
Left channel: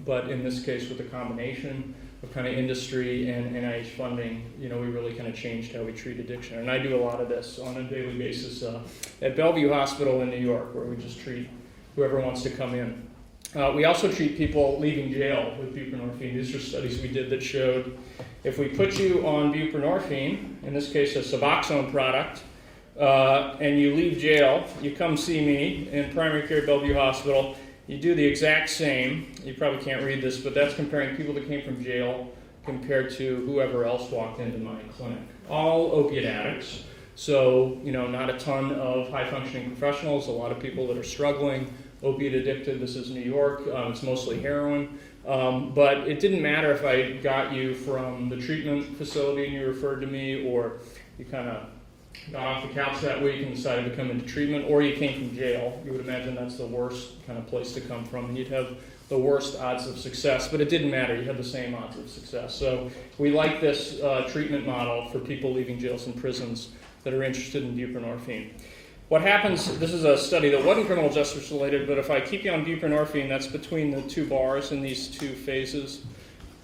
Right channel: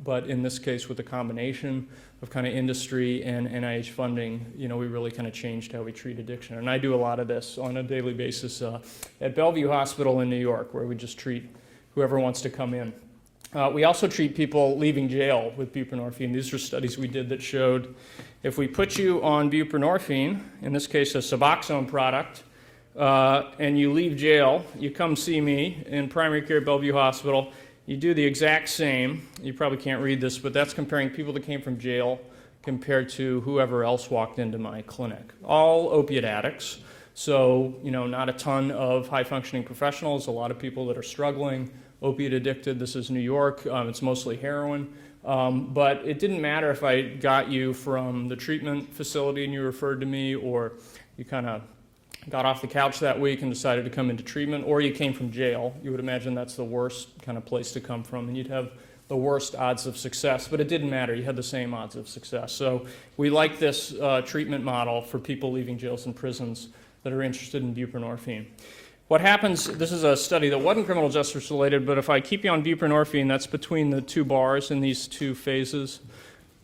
but in this case, with the combination of kind of industry and NIH funding, we really kind of changed how we treat addiction. And I do a lot of this on a daily basis at Bellevue Hospital in New York, where we just treat whoever wants to come in. We also treat people leaving jail with buprenorphine. These are studies we did that showed if we put you on buprenorphine, in this case a Suboxone product, and you leave jail, you come see me in primary care at Bellevue Hospital, you do the exact same. You probably can't read this, but that's comparing people that came from jail compared to whoever else walked into my clinic. All opiate addicts, so not a ton of high-functioning professionals, a lot of people that are struggling, opiate addicted. This is New York. It's mostly heroin. But it didn't matter if I got you from the treatment facility and you referred to me, or you kind of got off the couch that week and decided to come into treatment, or you came from jail. You would imagine that's the worst kind of place to come from, and you'd have the worst odds of success, but it didn't matter. You had the same odds of success. So we like this treatment model for people leaving jails and prisons that are interested in buprenorphine. What happens, this is a study that wasn't criminal justice related, but if I keep you on buprenorphine, that's between the two bars in these two phases.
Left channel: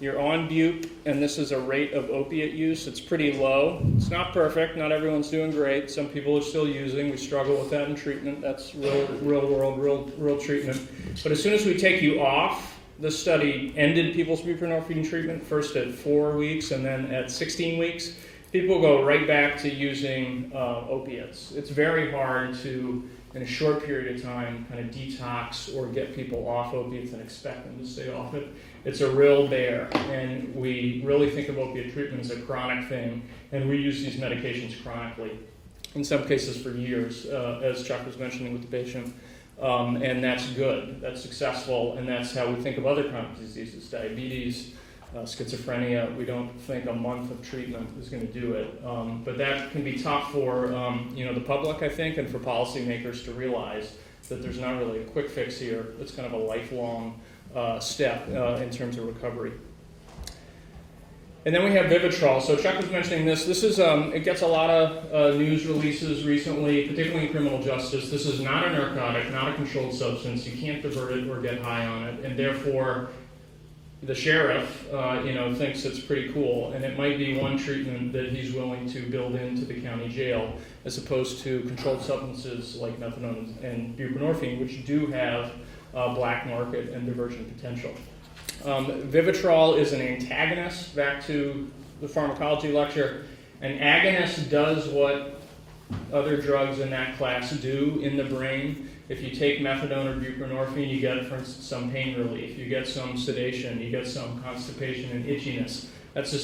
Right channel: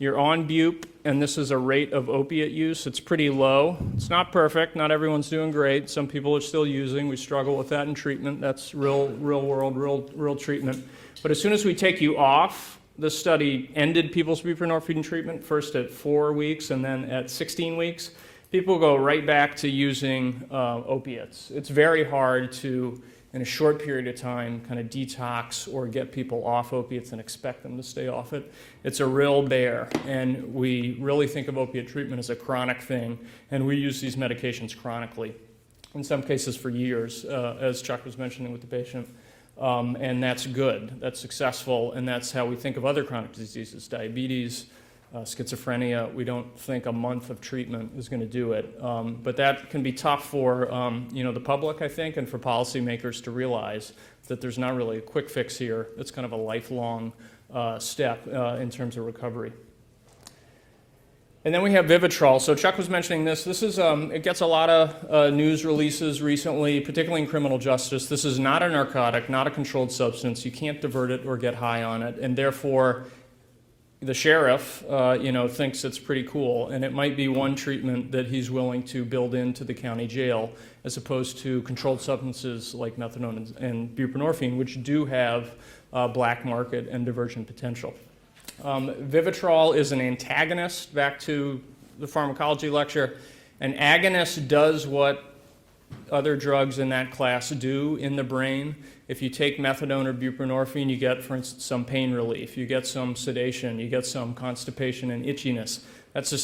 You're on bupe, and this is a rate of opiate use. It's pretty low. It's not perfect. Not everyone's doing great. Some people are still using. We struggle with that in treatment. That's real world, real treatment. But as soon as we take you off, this study ended people's buprenorphine treatment, first at 4 weeks and then at 16 weeks. People go right back to using opiates. It's very hard to, in a short period of time, kind of detox or get people off opiates and expect them to stay off it. It's a real bear, and we really think of opiate treatment as a chronic thing, and we use these medications chronically, in some cases for years, as Chuck was mentioning with the patient, and that's good, that's successful, and that's how we think of other chronic diseases, diabetes, schizophrenia. We don't think a month of treatment is going to do it, but that can be tough for the public, I think, and for policymakers to realize that there's not really a quick fix here. It's kind of a lifelong step in terms of recovery. And then we have Vivitrol. So Chuck was mentioning this. This is it gets a lot of news releases recently, particularly in criminal justice. This is not a narcotic, not a controlled substance. You can't divert it or get high on it, and therefore the sheriff, thinks it's pretty cool, and it might be one treatment that he's willing to build into the county jail, as opposed to controlled substances like methadone and buprenorphine, which do have black market and diversion potential. Vivitrol is an antagonist. Back to the pharmacology lecture, an agonist does what other drugs in that class do in the brain. If you take methadone or buprenorphine, you get, for instance, some pain relief, you get some sedation, you get some constipation and itchiness. That's the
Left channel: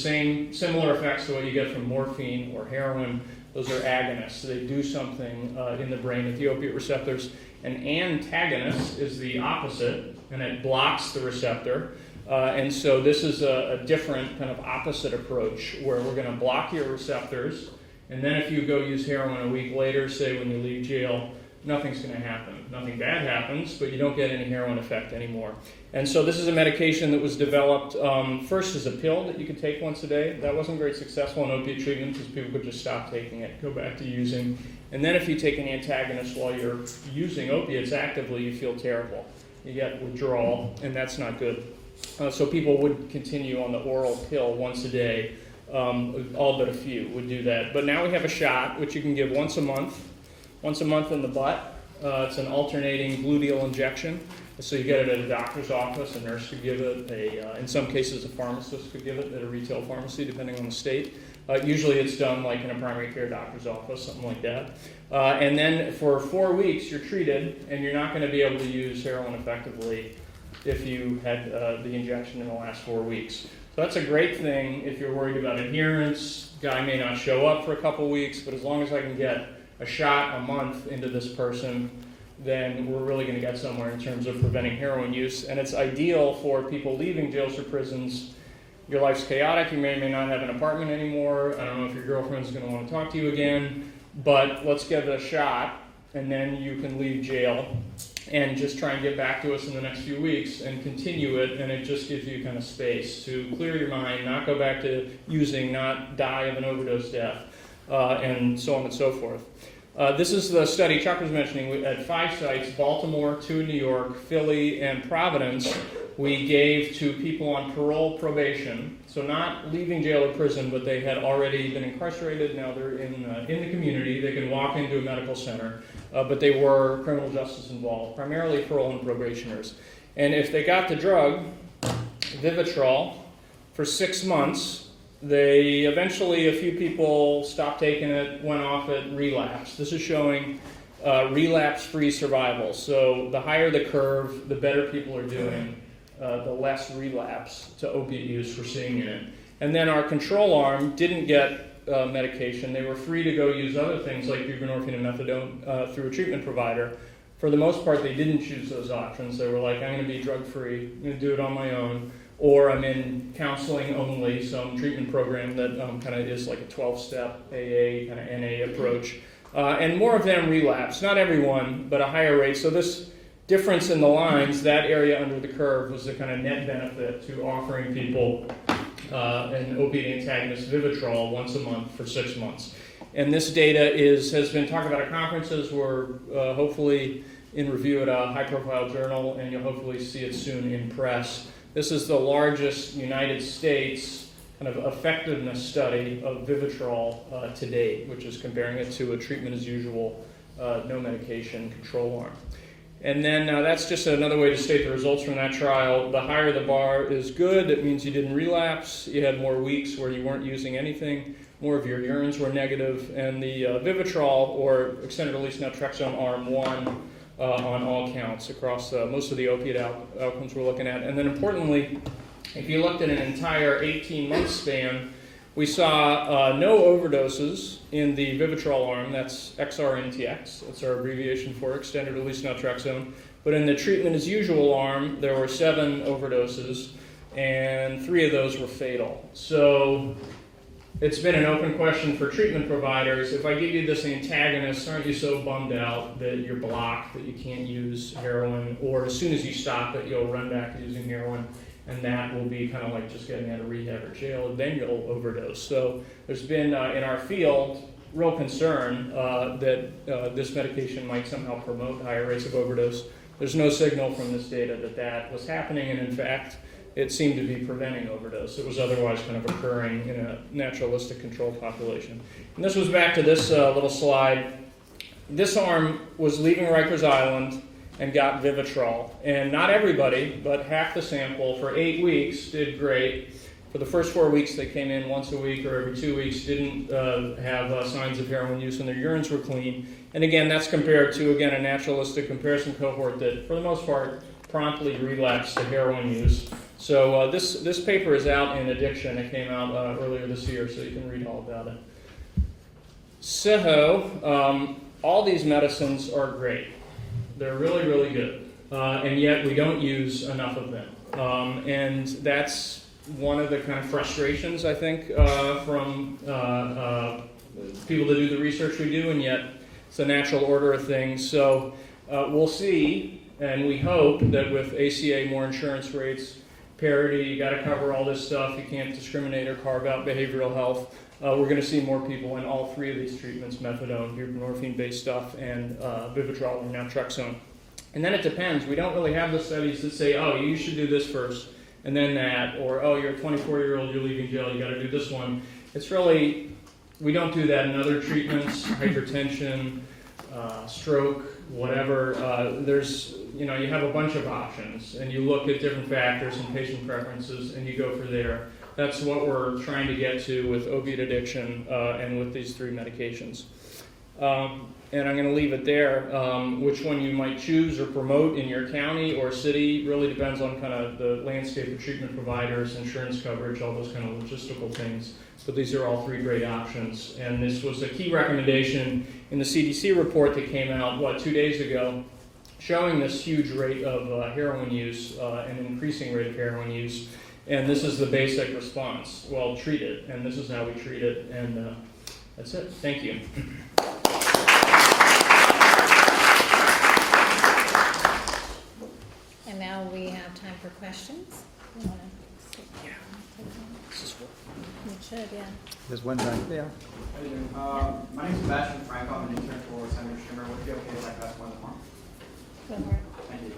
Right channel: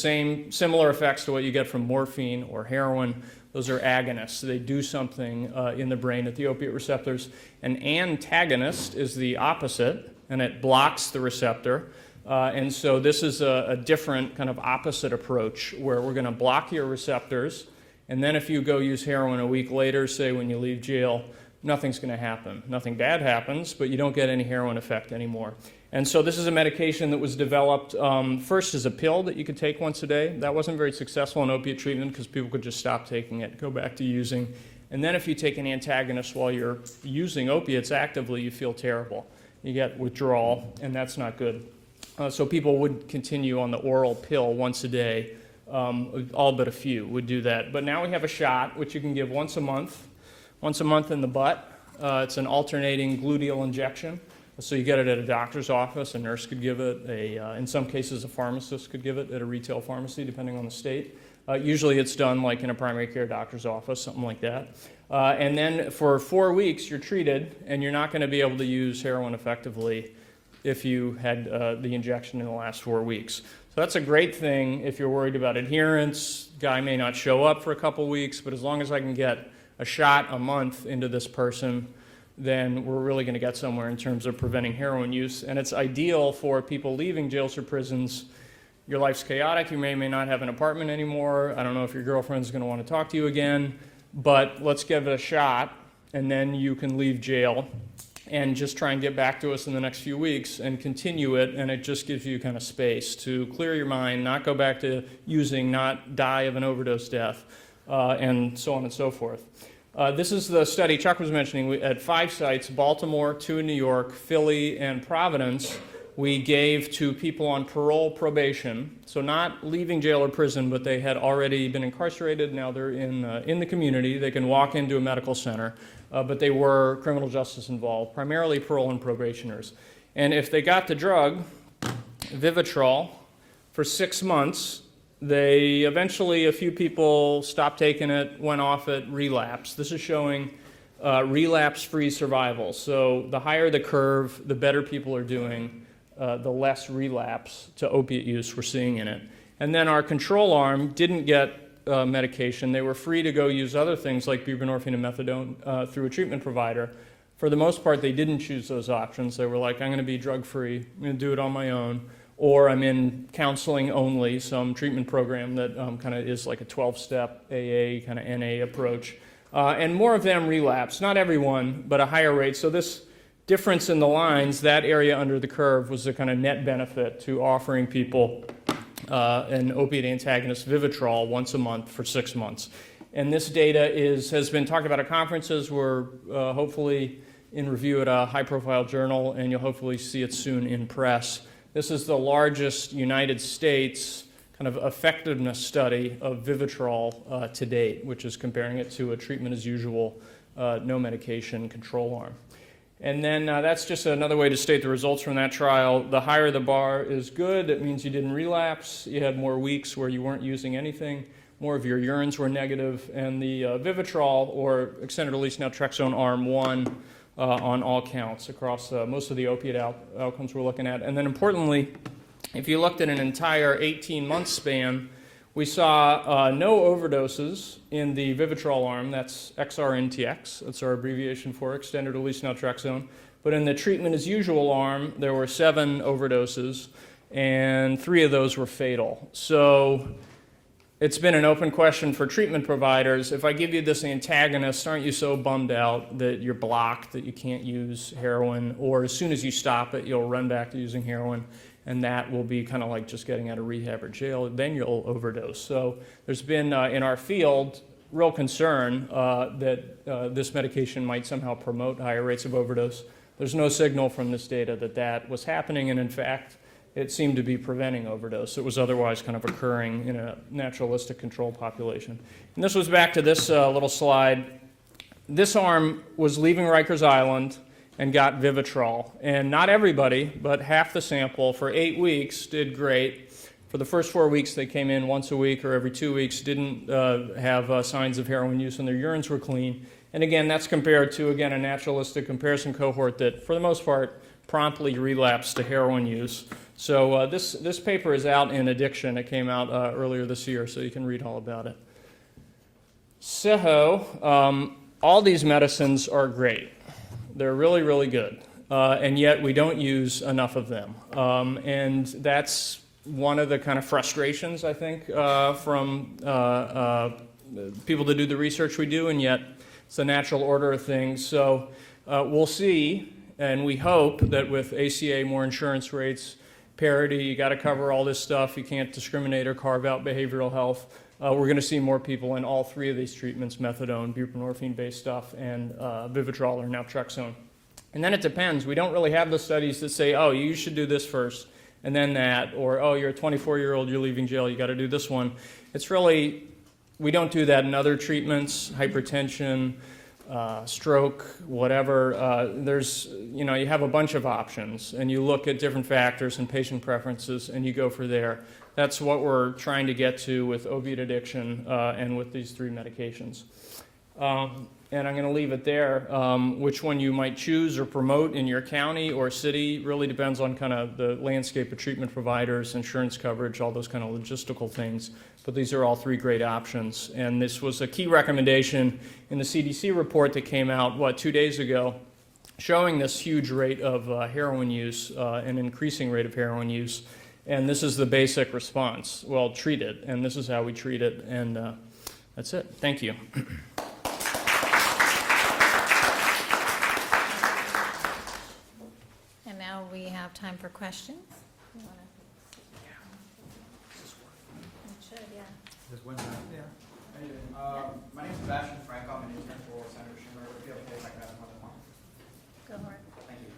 similar effects to what you get from morphine or heroin. Those are agonists. They do something in the brain at the opiate receptors. An antagonist is the opposite, and it blocks the receptor. And so this is a different kind of opposite approach where we're going to block your receptors, and then if you go use heroin a week later, say when you leave jail, nothing's going to happen. Nothing bad happens, but you don't get any heroin effect anymore. And so this is a medication that was developed first as a pill that you could take once a day. That wasn't very successful in opiate treatment because people could just stop taking it, go back to using. And then if you take an antagonist while you're using opiates actively, you feel terrible. You get withdrawal, and that's not good. So people would continue on the oral pill once a day. All but a few would do that. But now we have a shot, which you can give once a month in the butt. It's an alternating gluteal injection. So you get it at a doctor's office, a nurse could give it, in some cases a pharmacist could give it at a retail pharmacy, depending on the state. Usually it's done like in a primary care doctor's office, something like that. And then for 4 weeks you're treated, and you're not going to be able to use heroin effectively if you had the injection in the last 4 weeks. So that's a great thing if you're worried about adherence. Guy may not show up for a couple weeks, but as long as I can get a shot a month into this person, then we're really going to get somewhere in terms of preventing heroin use. And it's ideal for people leaving jails or prisons. Your life's chaotic. You may or may not have an apartment anymore. I don't know if your girlfriend's going to want to talk to you again, but let's give it a shot, and then you can leave jail and just try and get back to us in the next few weeks and continue it, and it just gives you kind of space to clear your mind, not go back to using, not die of an overdose death, and so on and so forth. This is the study Chuck was mentioning. At 5 sites, Baltimore, 2 in New York, Philly, and Providence, we gave to people on parole probation, so not leaving jail or prison, but they had already been incarcerated. Now they're in the community. They can walk into a medical center, but they were criminal justice involved, primarily parole and probationers. And if they got the drug, Vivitrol, for 6 months, they eventually, a few people stopped taking it, went off it, relapsed. This is showing relapse-free survival. So the higher the curve, the better people are doing, the less relapse to opiate use we're seeing in it. And then our control arm didn't get medication. They were free to go use other things like buprenorphine and methadone through a treatment provider. For the most part, they didn't choose those options. They were like, I'm going to be drug-free, I'm going to do it on my own. Or I'm in counseling only, some treatment program that kind of is like a 12-step AA, kind of NA approach. And more of them relapse. Not everyone, but a higher rate. So this difference in the lines, that area under the curve, was the kind of net benefit to offering people an opiate antagonist, Vivitrol, once a month for 6 months. And this data has been talked about at conferences. We're hopefully in review at a high-profile journal, and you'll hopefully see it soon in press. This is the largest United States kind of effectiveness study of Vivitrol to date, which is comparing it to a treatment as usual, no medication control arm. And then that's just another way to state the results from that trial. The higher the bar is good, it means you didn't relapse, you had more weeks where you weren't using anything, more of your urines were negative, and the Vivitrol, or extended release naltrexone arm 1, on all counts across most of the opiate outcomes we're looking at. And then importantly, if you looked at an entire 18-month span, we saw no overdoses in the Vivitrol arm. That's XRNTX. That's our abbreviation for extended release naltrexone. But in the treatment as usual arm, there were 7 overdoses, and 3 of those were fatal. So it's been an open question for treatment providers. If I give you this antagonist, aren't you so bummed out that you're blocked, that you can't use heroin, or as soon as you stop it, you'll run back to using heroin, and that will be kind of like just getting out of rehab or jail, then you'll overdose. So there's been, in our field, real concern that this medication might somehow promote higher rates of overdose. There's no signal from this data that that was happening, and in fact, it seemed to be preventing overdose. It was otherwise kind of occurring in a naturalistic control population. And this was back to this little slide. This arm was leaving Rikers Island and got Vivitrol. And not everybody, but half the sample for 8 weeks did great. For the first 4 weeks, they came in once a week or every 2 weeks, didn't have signs of heroin use, and their urines were clean. And again, that's compared to, again, a naturalistic comparison cohort that, for the most part, promptly relapsed to heroin use. So this paper is out in Addiction. It came out earlier this year, so you can read all about it. So all these medicines are great. They're really, really good. and yet we don't use enough of them. And that's one of the kind of frustrations, I think, from people that do the research we do, and yet it's a natural order of things. So we'll see, and we hope that with ACA, more insurance rates, parity, you got to cover all this stuff, you can't discriminate or carve out behavioral health. We're going to see more people in all three of these treatments, methadone, buprenorphine-based stuff, and Vivitrol or naltrexone. And then it depends. We don't really have the studies that say, oh, you should do this first, and then that, or oh, you're a 24-year-old, you're leaving jail, you got to do this one. It's really, we don't do that in other treatments, hypertension, stroke, whatever. There's, you know, you have a bunch of options, and you look at different factors and patient preferences, and you go for there. That's what we're trying to get to with opiate addiction and with these three medications. And I'm going to leave it there. Which one you might choose or promote in your county or city really depends on kind of the landscape of treatment providers, insurance coverage, all those kind of logistical things. But these are all three great options. And this was a key recommendation in the CDC report that came out, 2 days ago, showing this huge rate of heroin use, an increasing rate of heroin use. And this is the basic response. Well, treat it, and this is how we treat it. And that's it. Thank you. And now we have time for questions. You should, yeah. There's one back there. My name is Sebastian Franco. I'm an intern for Senator Schumer. Would it be okay if I ask more than one? Go for it. Thank you.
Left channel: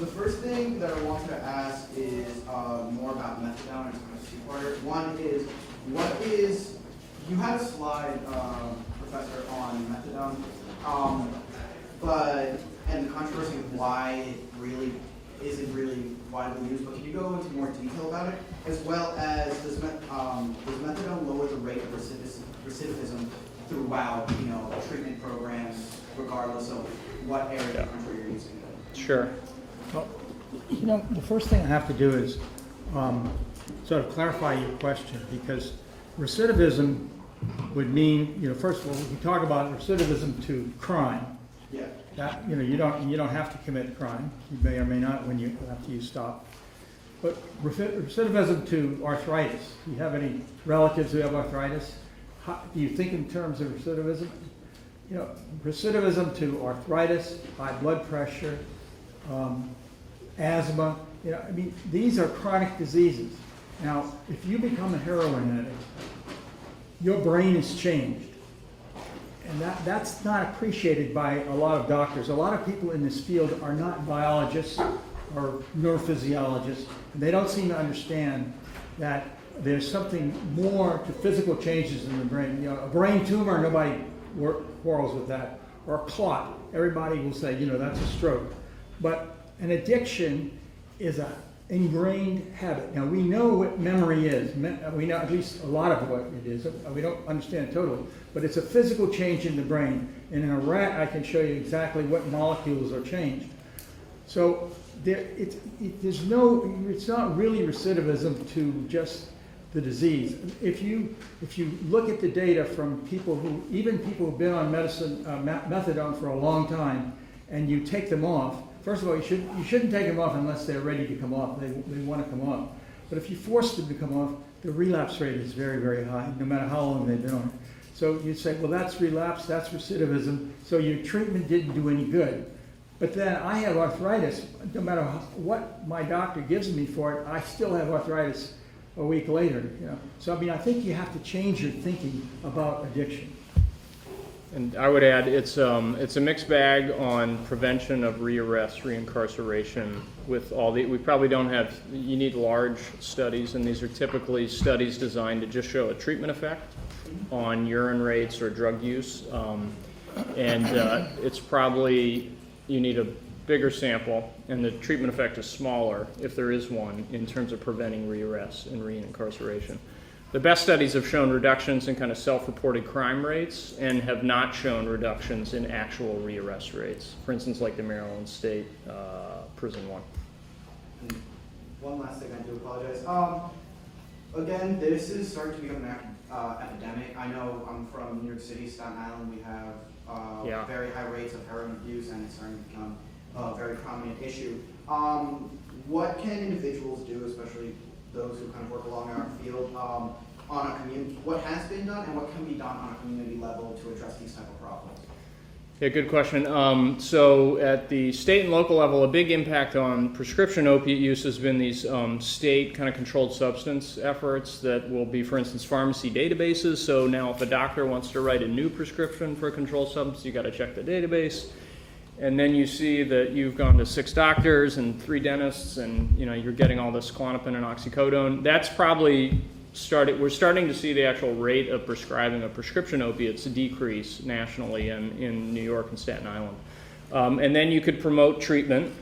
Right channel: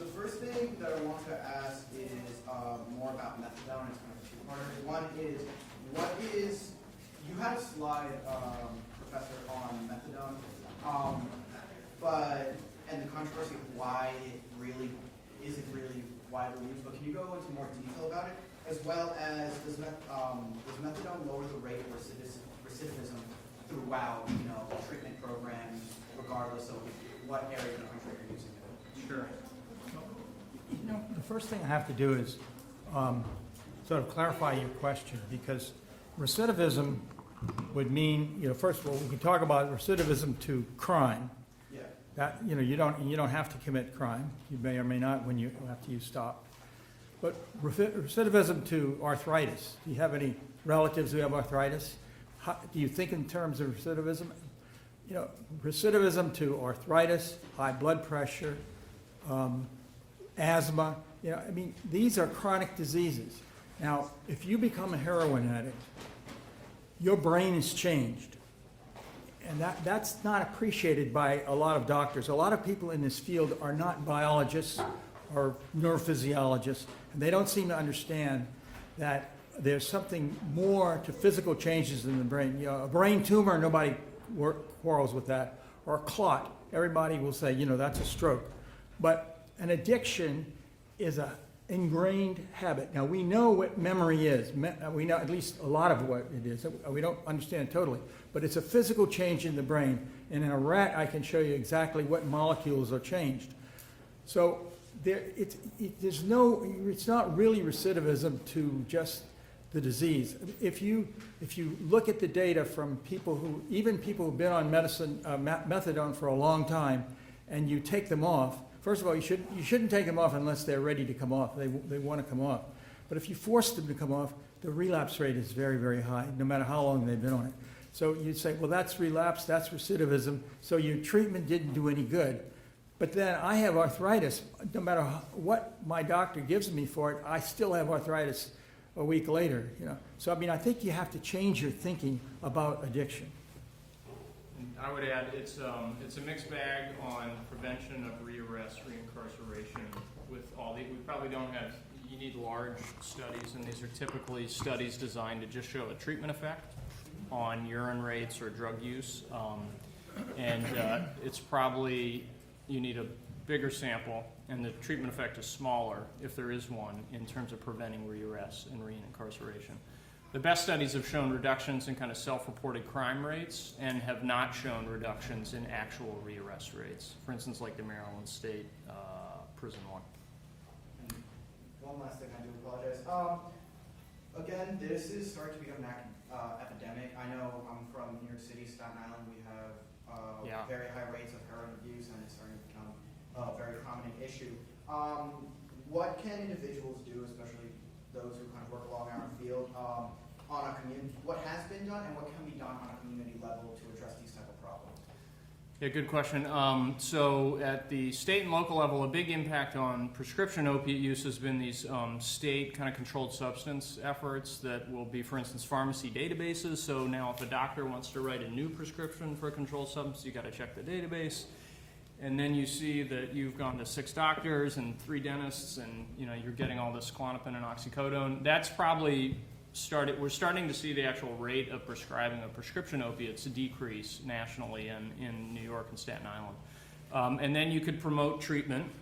The first thing that I wanted to ask is more about methadone. It's kind of two-parter. One is, you had a slide, Professor, on methadone, and the controversy of why it really isn't really widely used, but can you go into more detail about it? As well as, does methadone lower the rate of recidivism throughout, treatment programs, regardless of what area of the country you're using it? Sure. Well, the first thing I have to do is sort of clarify your question, because recidivism would mean, first of all, we talk about recidivism to crime. Yeah. That, you don't have to commit crime. You may or may not when after you stop. But recidivism to arthritis. Do you have any relatives who have arthritis? Do you think in terms of recidivism? Recidivism to arthritis, high blood pressure, asthma. These are chronic diseases. Now, if you become a heroin addict, your brain is changed. And that's not appreciated by a lot of doctors. A lot of people in this field are not biologists or neurophysiologists, and they don't seem to understand that there's something more to physical changes in the brain. A brain tumor, nobody quarrels with that. Or a clot, everybody will say, that's a stroke. But an addiction is an ingrained habit. Now, we know what memory is. We know at least a lot of what it is. We don't understand totally. But it's a physical change in the brain. And in a rat, I can show you exactly what molecules are changed. So it's not really recidivism to just the disease. If you look at the data from people who've been on methadone for a long time, and you take them off, first of all, you shouldn't take them off unless they're ready to come off. They want to come off. But if you force them to come off, the relapse rate is very, very high, no matter how long they've been on it. So you'd say, well, that's relapse, that's recidivism, so your treatment didn't do any good. But then I have arthritis. No matter what my doctor gives me for it, I still have arthritis a week later. So I think you have to change your thinking about addiction. And I would add, it's a mixed bag on prevention of rearrest, reincarceration. With all we probably don't have. You need large studies, and these are typically studies designed to just show a treatment effect on urine rates or drug use, and it's probably you need a bigger sample, and the treatment effect is smaller if there is one in terms of preventing rearrest and reincarceration. The best studies have shown reductions in kind of self-reported crime rates and have not shown reductions in actual rearrest rates. For instance, like the Maryland State Prison one. One last thing, I do apologize. Again, this is starting to become an epidemic. I know I'm from New York City, Staten Island. We have very high rates of heroin abuse, and it's starting to become a very prominent issue. What can individuals do, especially those who kind of work along our field, on a community, what has been done and what can be done on a community level to address these type of problems? Yeah, good question. So at the state and local level, a big impact on prescription opiate use has been these state kind of controlled substance efforts that will be, for instance, pharmacy databases. So now if a doctor wants to write a new prescription for a controlled substance, you got to check the database. And then you see that you've gone to 6 doctors and 3 dentists, and you're getting all this Klonopin and oxycodone. That's probably we're starting to see the actual rate of prescribing of prescription opiates decrease nationally in New York and Staten Island. And then you could promote treatment,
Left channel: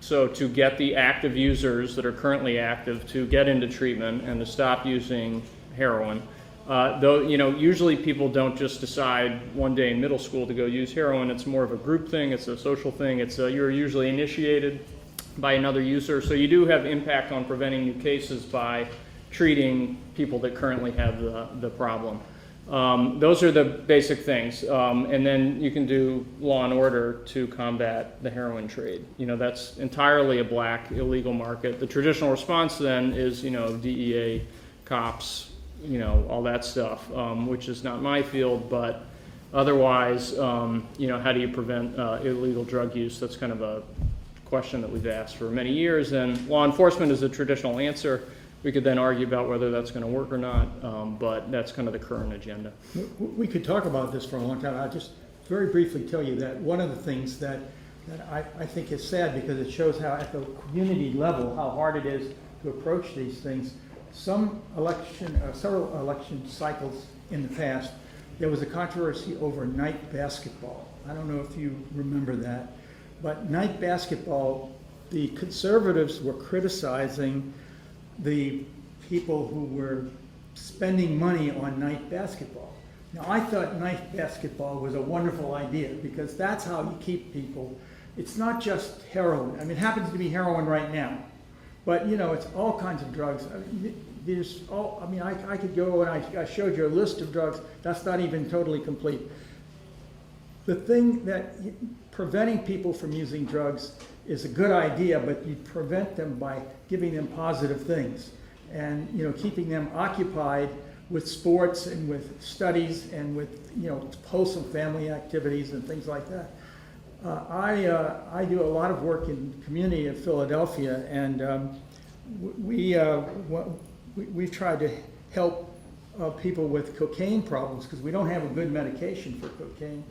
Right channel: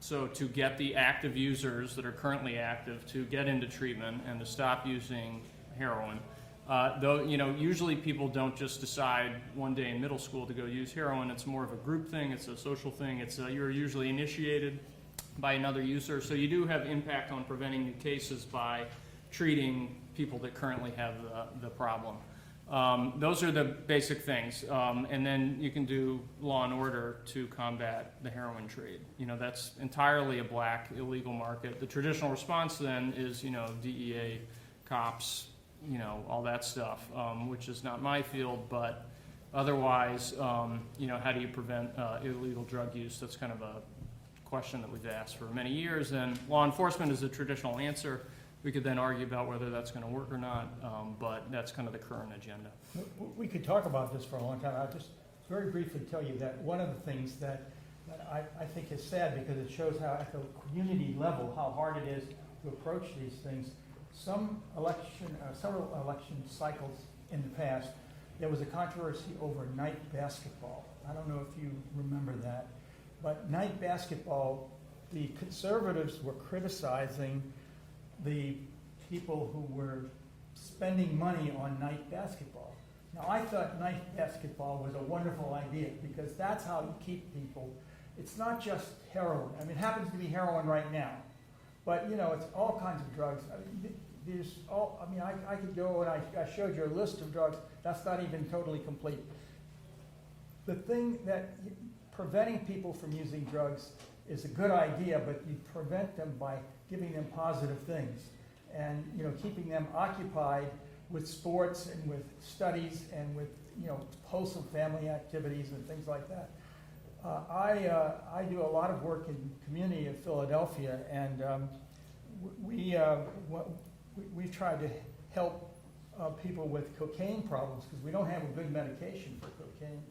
so to get the active users that are currently active to get into treatment and to stop using heroin. Though usually people don't just decide one day in middle school to go use heroin. It's more of a group thing. It's a social thing. You're usually initiated by another user. So you do have impact on preventing new cases by treating people that currently have the problem. Those are the basic things. And then you can do law and order to combat the heroin trade. That's entirely a black illegal market. The traditional response then is, DEA, cops, all that stuff, which is not my field, but otherwise, how do you prevent illegal drug use? That's kind of a question that we've asked for many years, and law enforcement is a traditional answer. We could then argue about whether that's going to work or not, but that's kind of the current agenda. We could talk about this for a long time. I'll just very briefly tell you that one of the things that I think is sad, because it shows how at the community level how hard it is to approach these things. Several election cycles in the past, there was a controversy over night basketball. I don't know if you remember that, but night basketball, the conservatives were criticizing the people who were spending money on night basketball. Now, I thought night basketball was a wonderful idea, because that's how you keep people. It's not just heroin. I mean, it happens to be heroin right now, but it's all kinds of drugs. I could go and I showed you a list of drugs. That's not even totally complete. The thing that preventing people from using drugs is a good idea, but you prevent them by giving them positive things and keeping them occupied with sports and with studies and with wholesome family activities and things like that. I do a lot of work in the community of Philadelphia, and we've tried to help people with cocaine problems, because we don't have a good medication for cocaine,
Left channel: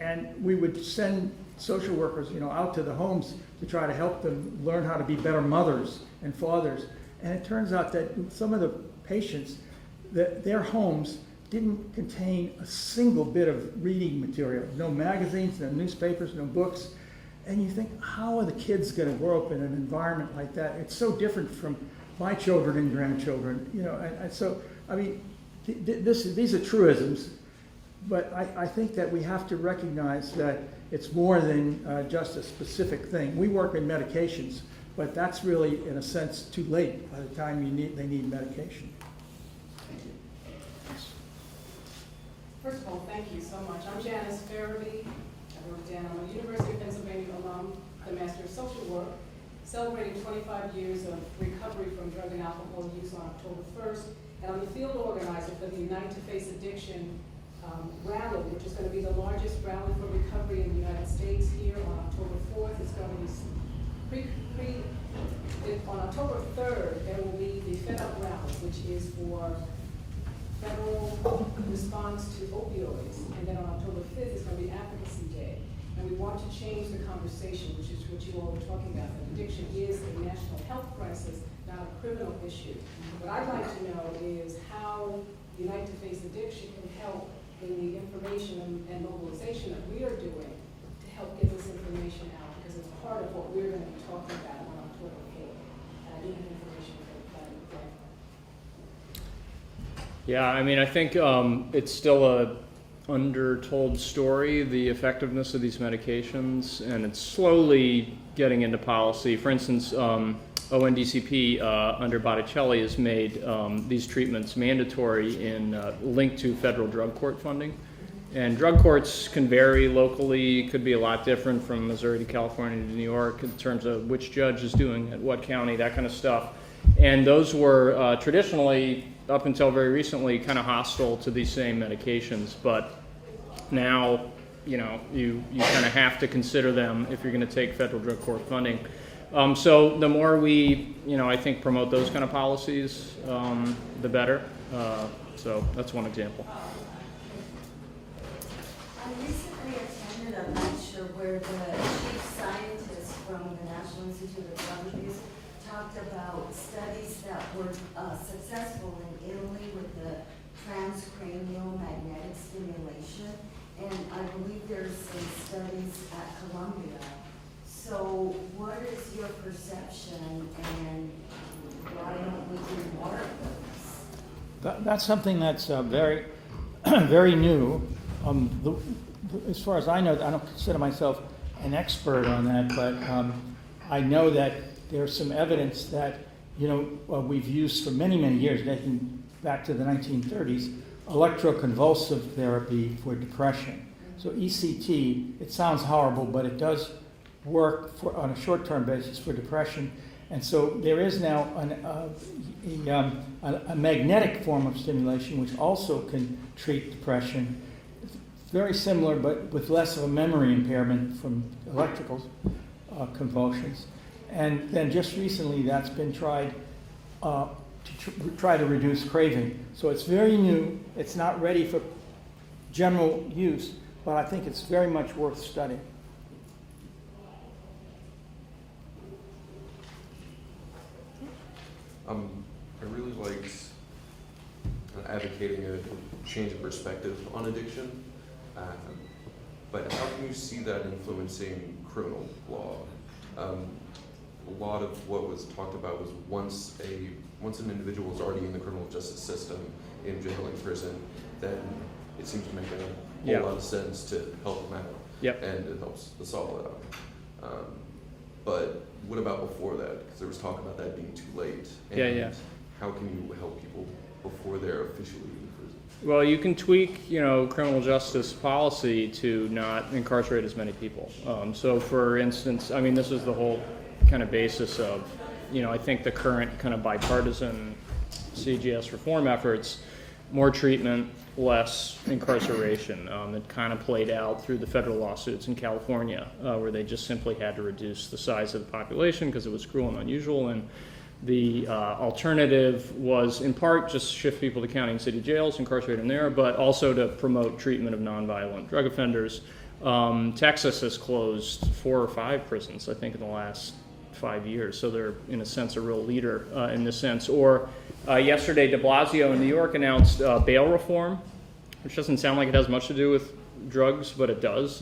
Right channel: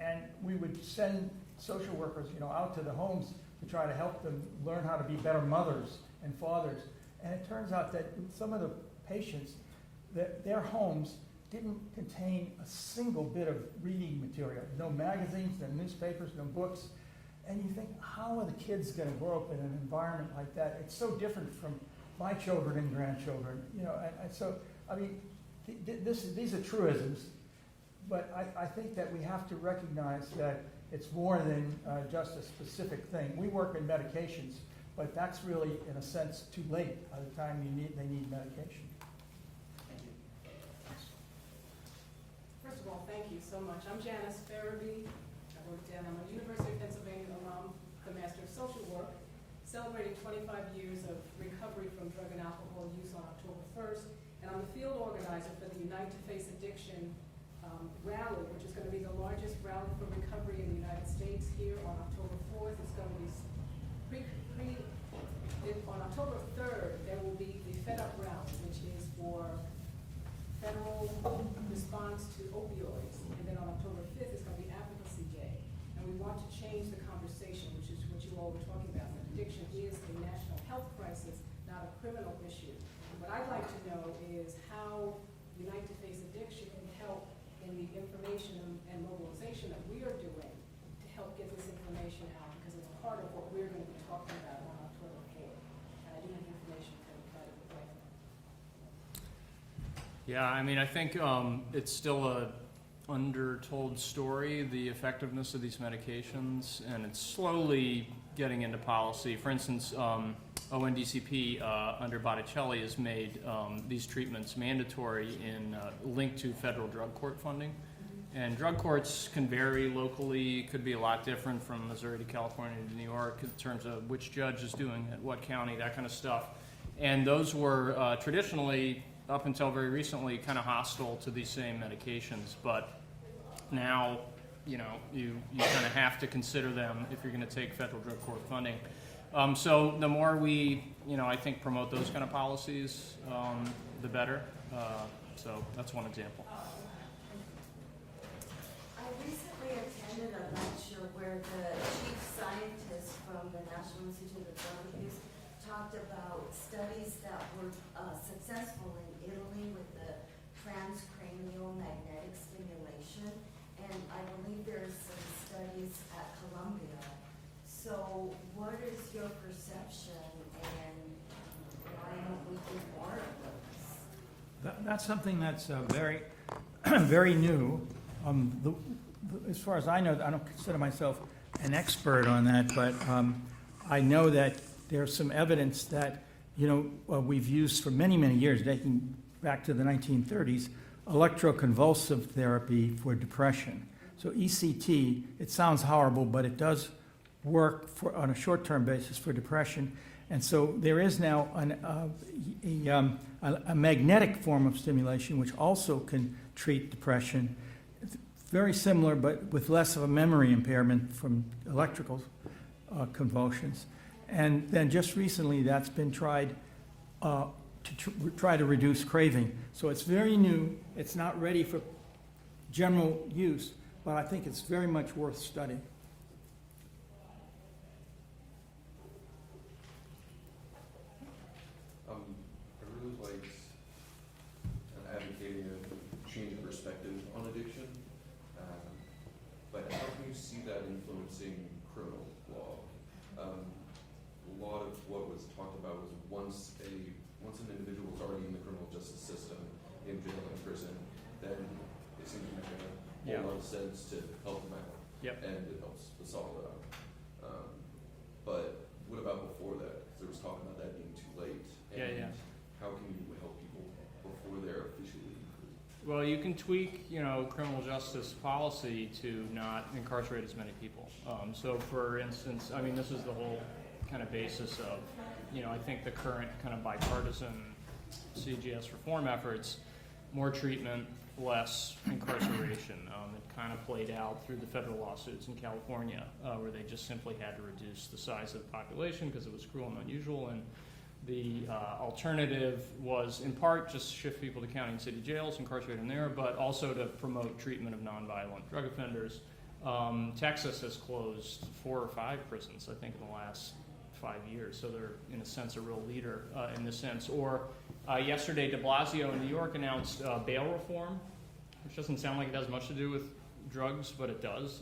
and we would send social workers, out to the homes to try to help them learn how to be better mothers and fathers. And it turns out that some of the patients, that their homes didn't contain a single bit of reading material. No magazines, no newspapers, no books. And you think, how are the kids going to grow up in an environment like that? It's so different from my children and grandchildren, and so, I mean, these are truisms, but I think that we have to recognize that it's more than just a specific thing. We work in medications, but that's really, in a sense, too late by the time they need medication. Thank you. First of all, thank you so much. I'm Janice Farabee. I work down. I'm a University of Pennsylvania alum, the Master of Social Work, celebrating 25 years of recovery from drug and alcohol use on October 1st. And I'm the field organizer for the Unite to Face Addiction rally, which is going to be the largest rally for recovery in the United States here on October 4th. It's going to be on October 3rd, there will be the Fed Up rally, which is for federal response to opioids. And then on October 5th, it's going to be Advocacy Day. And we want to change the conversation, which is what you all were talking about. That addiction is a national health crisis, not a criminal issue. What I'd like to know is how Unite to Face Addiction can help in the information and mobilization that we are doing to help get this information out, because it's part of what we're going to be talking about on October 8th. And I do have information for that. Yeah, I mean, I think it's still a undertold story, the effectiveness of these medications, and it's slowly getting into policy. For instance, ONDCP under Botticelli has made these treatments mandatory in linked to federal drug court funding. And drug courts can vary locally, could be a lot different from Missouri to California to New York in terms of which judge is doing it, what county, that kind of stuff. And those were traditionally, up until very recently, kind of hostile to these same medications. But now, you kind of have to consider them if you're going to take federal drug court funding. So the more we, I think promote those kind of policies, the better. So that's one example. I recently attended a lecture where the chief scientist from the National Institute of Drug Abuse talked about studies that were successful in Italy with the transcranial magnetic stimulation, and I believe there's some studies at Columbia. So what is your perception, and why don't we do more of those? That's something that's very, very new. As far as I know, I don't consider myself an expert on that, but I know that there's some evidence that, we've used for many, many years, dating back to the 1930s, electroconvulsive therapy for depression. So ECT, it sounds horrible, but it does work on a short-term basis for depression. And so there is now a magnetic form of stimulation which also can treat depression. It's very similar, but with less of a memory impairment from electrical convulsions. And then just recently that's been tried to try to reduce craving. So it's very new. It's not ready for general use, but I think it's very much worth studying. I really liked advocating a change of perspective on addiction, but how can you see that influencing criminal law? A lot of what was talked about was once an individual is already in the criminal justice system, in jail, in prison, then it seems to make a whole lot of sense to help them out. Yep. And it helps us all out. But what about before that? Because there was talk about that being too late. And how can you help people before they're officially in prison? Well, you can tweak, criminal justice policy to not incarcerate as many people. So, for instance, this is the whole kind of basis of, I think the current kind of bipartisan CJS reform efforts, more treatment, less incarceration. It kind of played out through the federal lawsuits in California, where they just simply had to reduce the size of the population because it was cruel and unusual. And the alternative was, in part, just shift people to county and city jails, incarcerate them there, but also to promote treatment of nonviolent drug offenders. Texas has closed 4 or 5 prisons, I think, in the last 5 years. So they're, in a sense, a real leader in this sense. Or yesterday, de Blasio in New York announced bail reform, which doesn't sound like it has much to do with drugs, but it does.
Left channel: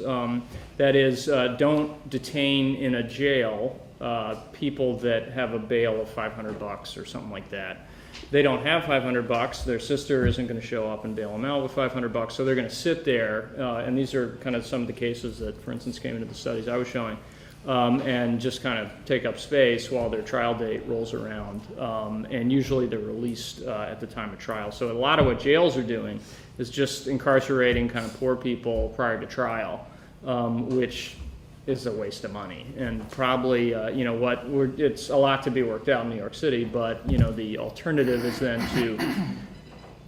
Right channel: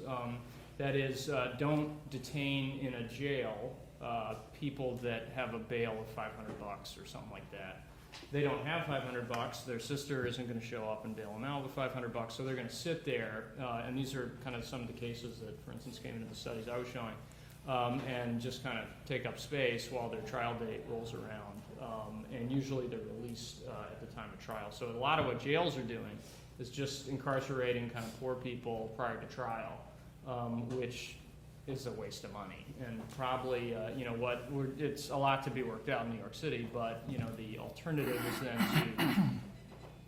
That is, don't detain in a jail people that have a bail of $500 or something like that. They don't have $500. Their sister isn't going to show up and bail them out with $500, so they're going to sit there. And these are kind of some of the cases that, for instance, came into the studies I was showing, and just kind of take up space while their trial date rolls around. And usually they're released at the time of trial. So a lot of what jails are doing is just incarcerating kind of poor people prior to trial, which is a waste of money. And probably, it's a lot to be worked out in New York City, but, the alternative is then to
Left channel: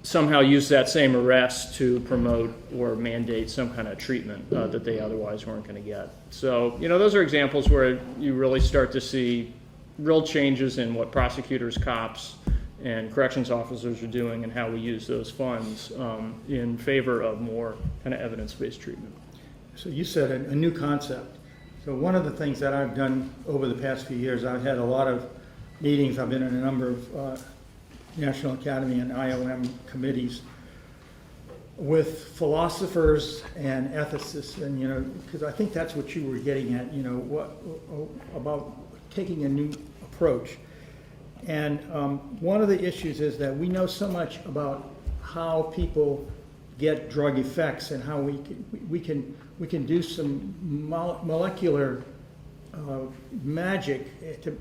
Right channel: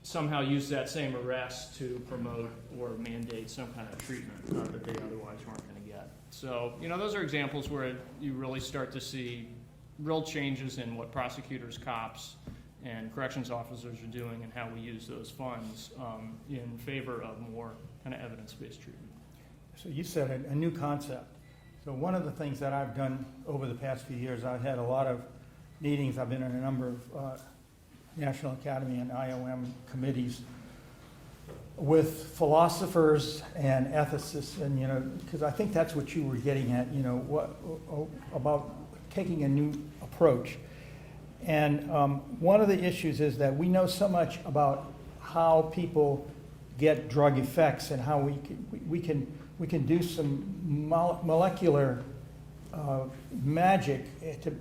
somehow use that same arrest to promote or mandate some kind of treatment that they otherwise weren't going to get. So, those are examples where you really start to see real changes in what prosecutors, cops, and corrections officers are doing and how we use those funds in favor of more kind of evidence-based treatment. So you said a new concept. So one of the things that I've done over the past few years, I've had a lot of meetings. I've been in a number of National Academy and IOM committees with philosophers and ethicists, and because I think that's what you were getting at, what about taking a new approach. And one of the issues is that we know so much about how people get drug effects and how we can do some molecular magic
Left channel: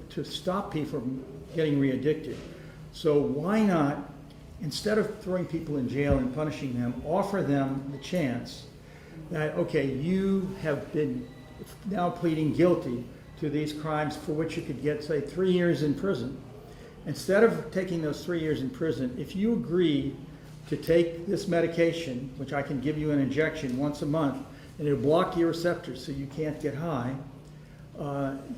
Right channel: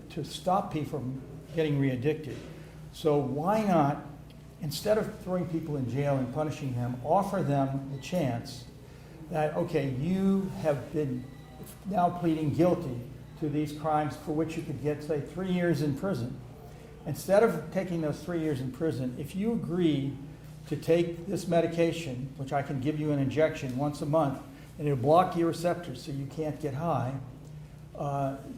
to stop people from getting re-addicted. So why not instead of throwing people in jail and punishing them, offer them the chance that, okay, you have been now pleading guilty to these crimes for which you could get, say, 3 years in prison. Instead of taking those 3 years in prison, if you agree to take this medication, which I can give you an injection once a month, and it'll block your receptors so you can't get high,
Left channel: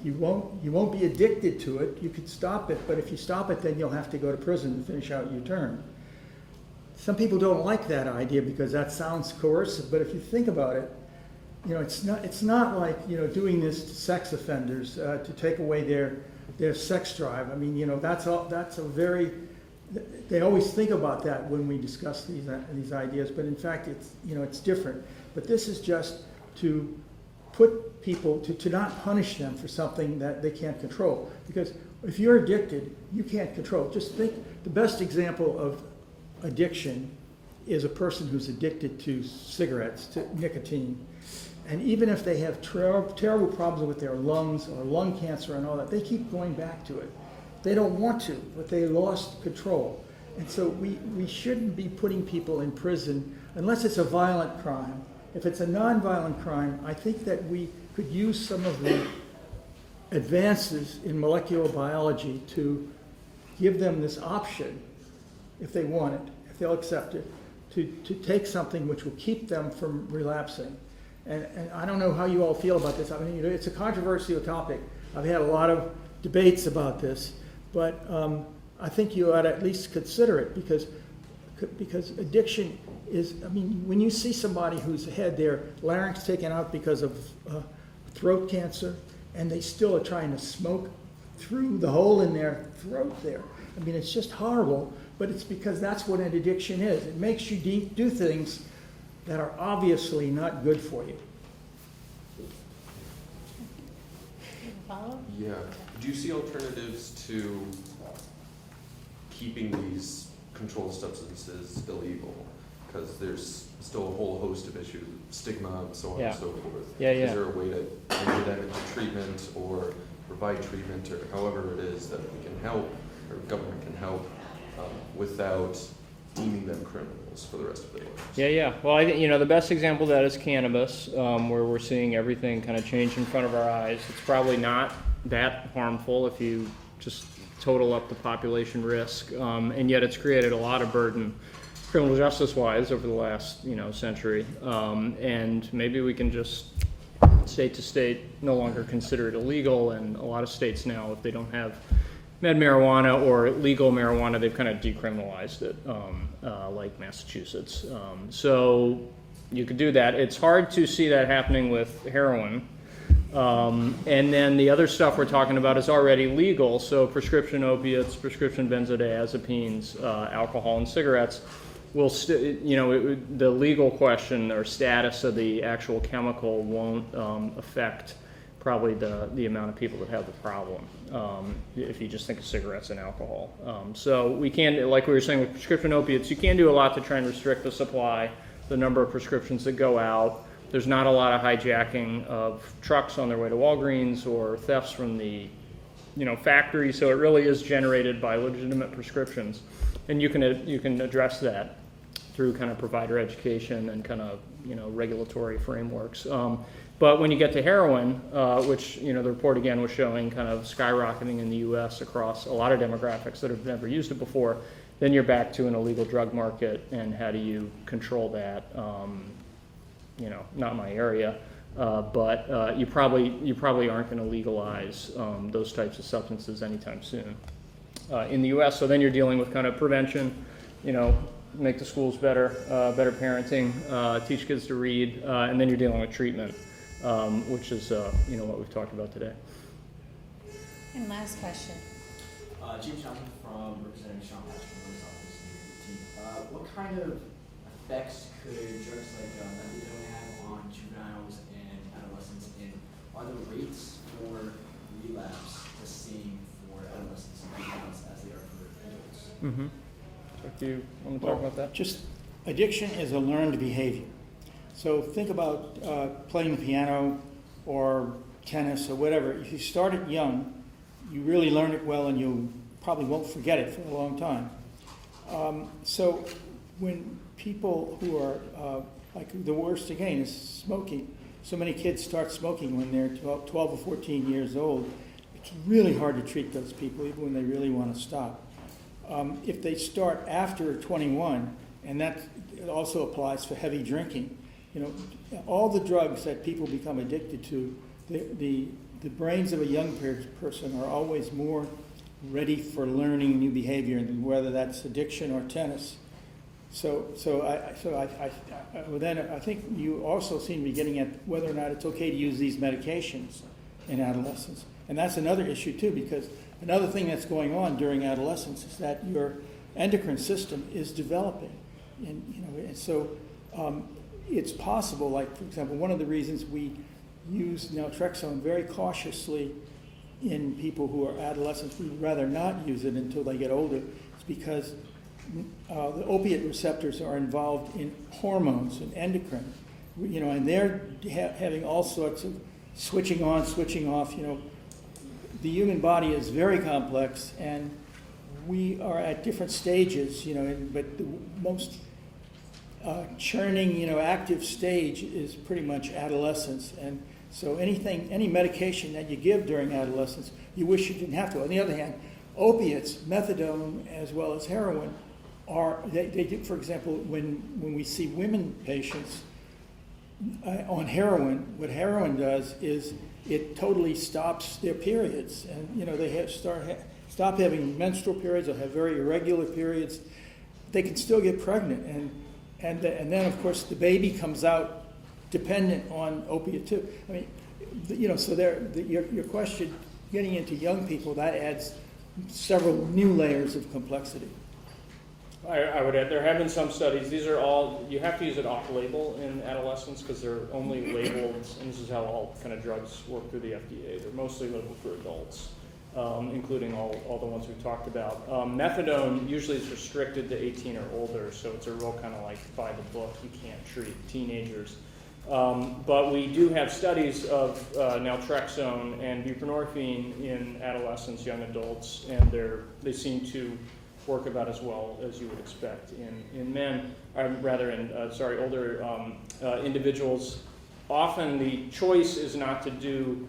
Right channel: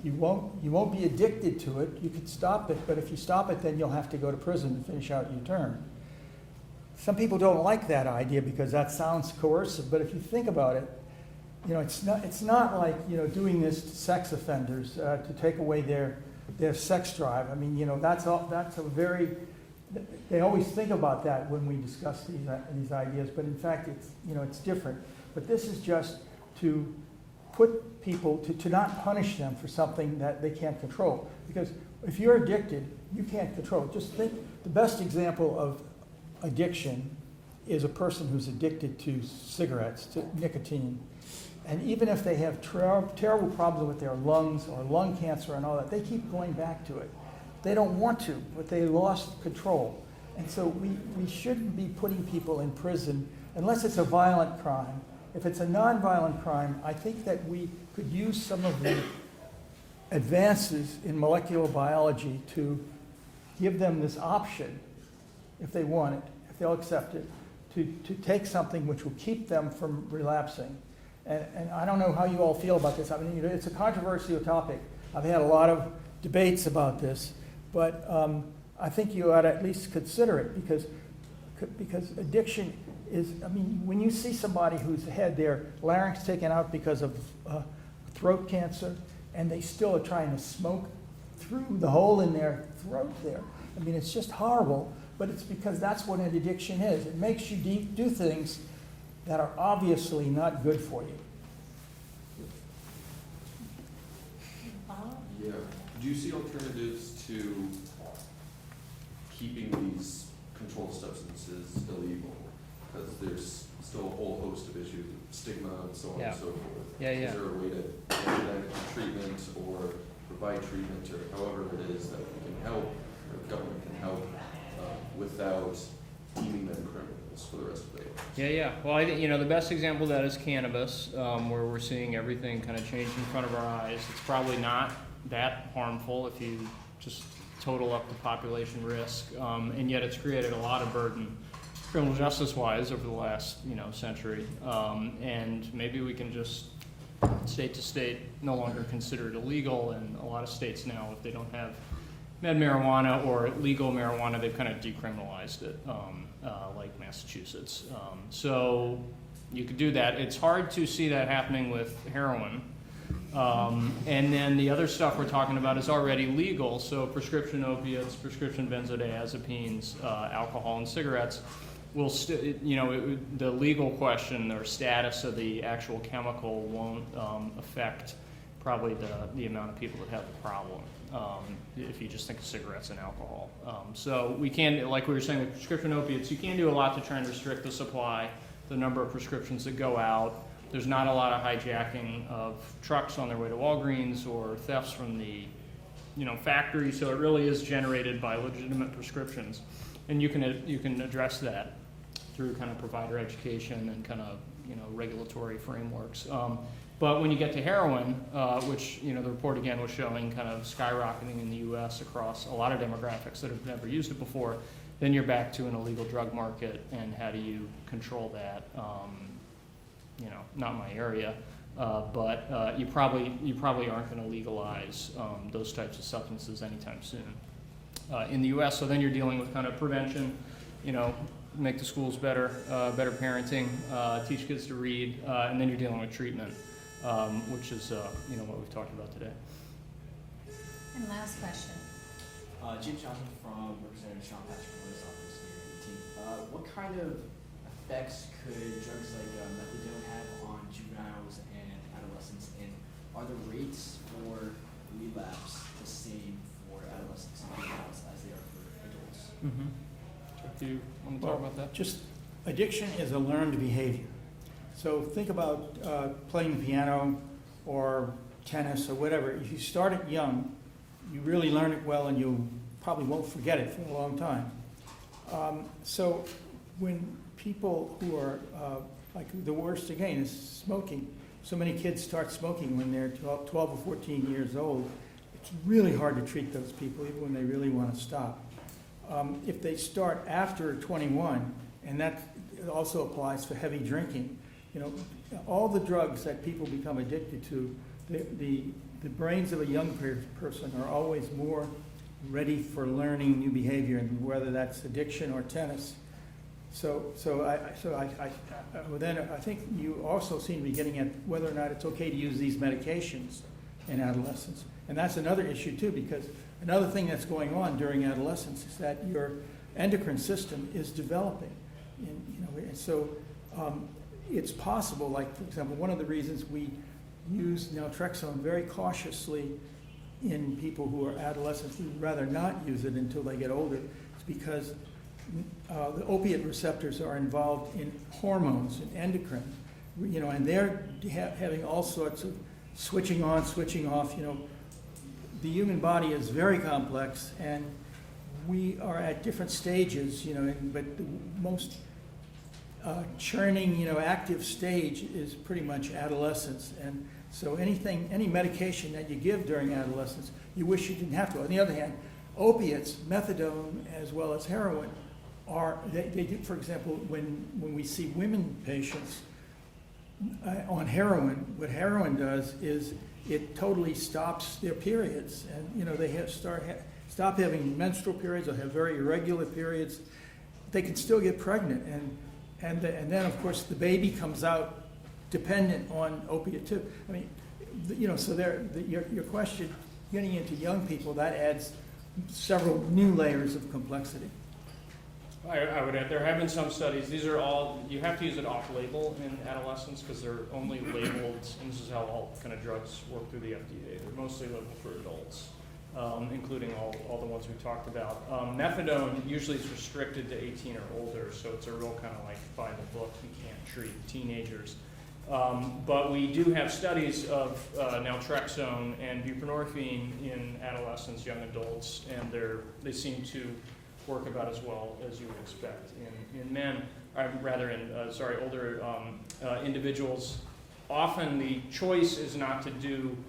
you won't be addicted to it. You could stop it, but if you stop it, then you'll have to go to prison to finish out your term. Some people don't like that idea because that sounds coercive, but if you think about it, it's not like, doing this to sex offenders to take away their sex drive. I mean, that's a very, they always think about that when we discuss these ideas, but in fact, it's different. But this is just to put people, to not punish them for something that they can't control. Because if you're addicted, you can't control. Just think, the best example of addiction is a person who's addicted to cigarettes, to nicotine. And even if they have terrible problems with their lungs or lung cancer and all that, they keep going back to it. They don't want to, but they lost control. And so we shouldn't be putting people in prison unless it's a violent crime. If it's a nonviolent crime, I think that we could use some of the advances in molecular biology to give them this option, if they want it, if they'll accept it, to take something which will keep them from relapsing. And I don't know how you all feel about this. I mean, it's a controversial topic. I've had a lot of debates about this, but I think you ought to at least consider it because addiction is, I mean, when you see somebody who's had their larynx taken out because of throat cancer, and they still are trying to smoke through the hole in their throat there. I mean, it's just horrible, but it's because that's what an addiction is. It makes you do things that are obviously not good for you. Yeah. Do you see alternatives to keeping these controlled substances illegal? Because there's still a whole host of issues, stigma and so on and so forth. Yeah. Is there a way to enter that into treatment or provide treatment or however it is that we can help or government can help without deeming them criminals for the rest of their lives? Yeah. Well, I think, the best example of that is cannabis, where we're seeing everything kind of change in front of our eyes. It's probably not that harmful if you just total up the population risk, and yet it's created a lot of burden criminal justice-wise over the last, century. And maybe we can just, state to state, no longer consider it illegal, and a lot of states now, if they don't have med marijuana or legal marijuana, they've kind of decriminalized it, like Massachusetts. So you could do that. It's hard to see that happening with heroin. And then the other stuff we're talking about is already legal, so prescription opiates, prescription benzodiazepines, alcohol, and cigarettes will the legal question or status of the actual chemical won't affect probably the amount of people that have the problem, if you just think of cigarettes and alcohol. So we can, like we were saying with prescription opiates, you can do a lot to try and restrict the supply, the number of prescriptions that go out. There's not a lot of hijacking of trucks on their way to Walgreens or thefts from the factory, so it really is generated by legitimate prescriptions. And you can address that through kind of provider education and kind of regulatory frameworks. But when you get to heroin, which the report again was showing kind of skyrocketing in the U.S. across a lot of demographics that have never used it before, then you're back to an illegal drug market, and how do you control that? Not my area, but you probably aren't going to legalize those types of substances anytime soon in the U.S. So then you're dealing with kind of prevention, make the schools better, better parenting, teach kids to read, and then you're dealing with treatment, which is what we've talked about today. And last question. James Johnson from Representative Sean Patrick's office. What kind of effects could drugs like methadone have on juveniles and adolescents, and are the rates for relapse the same for adolescents and juveniles as they are for adults? Mm-hmm. Do you want to talk about that? Just addiction is a learned behavior. So think about playing the piano or tennis or whatever. If you start it young, you really learn it well, and you probably won't forget it for a long time. So when people who are, like the worst again is smoking. So many kids start smoking when they're 12 or 14 years old. It's really hard to treat those people even when they really want to stop. If they start after 21, and that also applies for heavy drinking, you know, all the drugs that people become addicted to, the brains of a young person are always more ready for learning new behavior, and whether that's addiction or tennis. So I think you also seem to be getting at whether or not it's okay to use these medications in adolescence. And that's another issue too, because another thing that's going on during adolescence is that your endocrine system is developing. And, you know, and so it's possible, like for example, one of the reasons we use naltrexone very cautiously in people who are adolescents, we'd rather not use it until they get older, it's because the opiate receptors are involved in hormones and endocrine, you know, and they're having all sorts of switching on, switching off. You know, the human body is very complex, and we are at different stages, you know, but the most churning, you know, active stage is pretty much adolescence. And so any medication that you give during adolescence, you wish you didn't have to. On the other hand, opiates, methadone, as well as heroin, they do, for example, when we see women patients on heroin, what heroin does is it totally stops their periods. And, you know, they stop having menstrual periods or have very irregular periods. They can still get pregnant. And then, of course, the baby comes out dependent on opiate too. I mean, you know, so your question, getting into young people, that adds several new layers of complexity. I would add, there have been some studies, these are all, you have to use it off-label in adolescents because they're only labeled, and this is how all kind of drugs work through the FDA, they're mostly labeled for adults, including all the ones we've talked about. Methadone usually is restricted to 18 or older, so it's a real kind of like by the book, you can't treat teenagers. But we do have studies of naltrexone and buprenorphine in adolescents, young adults, and they seem to work about as well as you would expect in men, or rather in older individuals. Often the choice is not to do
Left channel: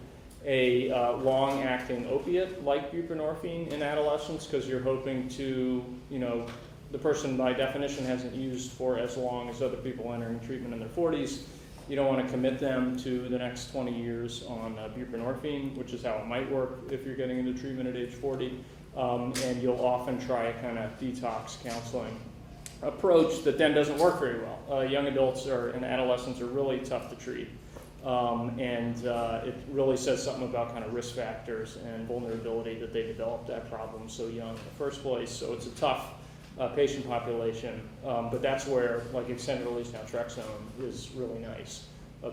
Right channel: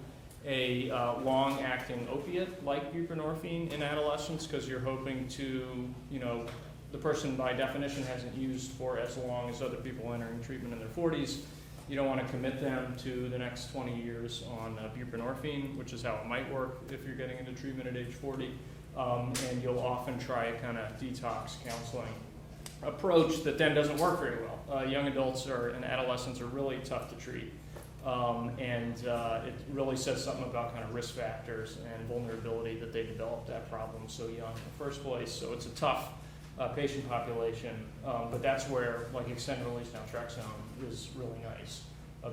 a long-acting opiate like buprenorphine in adolescents because you're hoping to, you know, the person by definition hasn't used for as long as other people entering treatment in their 40s. You don't want to commit them to the next 20 years on buprenorphine, which is how it might work if you're getting into treatment at age 40. And you'll often try a kind of detox counseling approach that then doesn't work very well. Young adults and adolescents are really tough to treat. It really says something about kind of risk factors and vulnerability that they developed that problem so young in the first place. So it's a tough patient population, but that's where like extended release naltrexone is really nice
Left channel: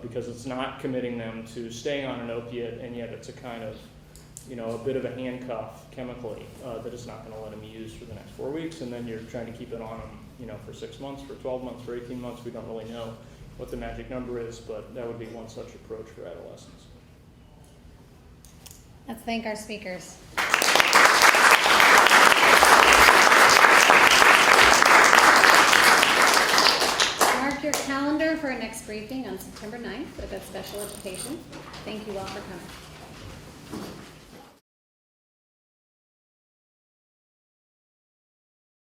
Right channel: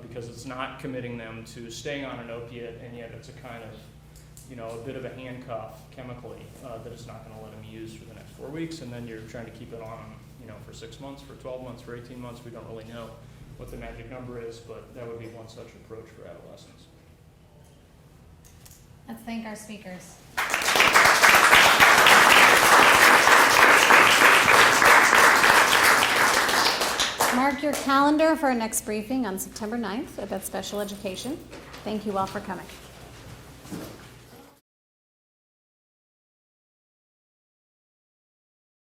because it's not committing them to staying on an opiate, and yet it's a kind of, you know, a bit of a handcuff chemically that is not going to let them use for the next 4 weeks, and then you're trying to keep it on them, you know, for 6 months, for 12 months, for 18 months. We don't really know what the magic number is, but that would be one such approach for adolescents. Let's thank our speakers. Mark your calendar for our next briefing on September 9th about special education. Thank you all for coming.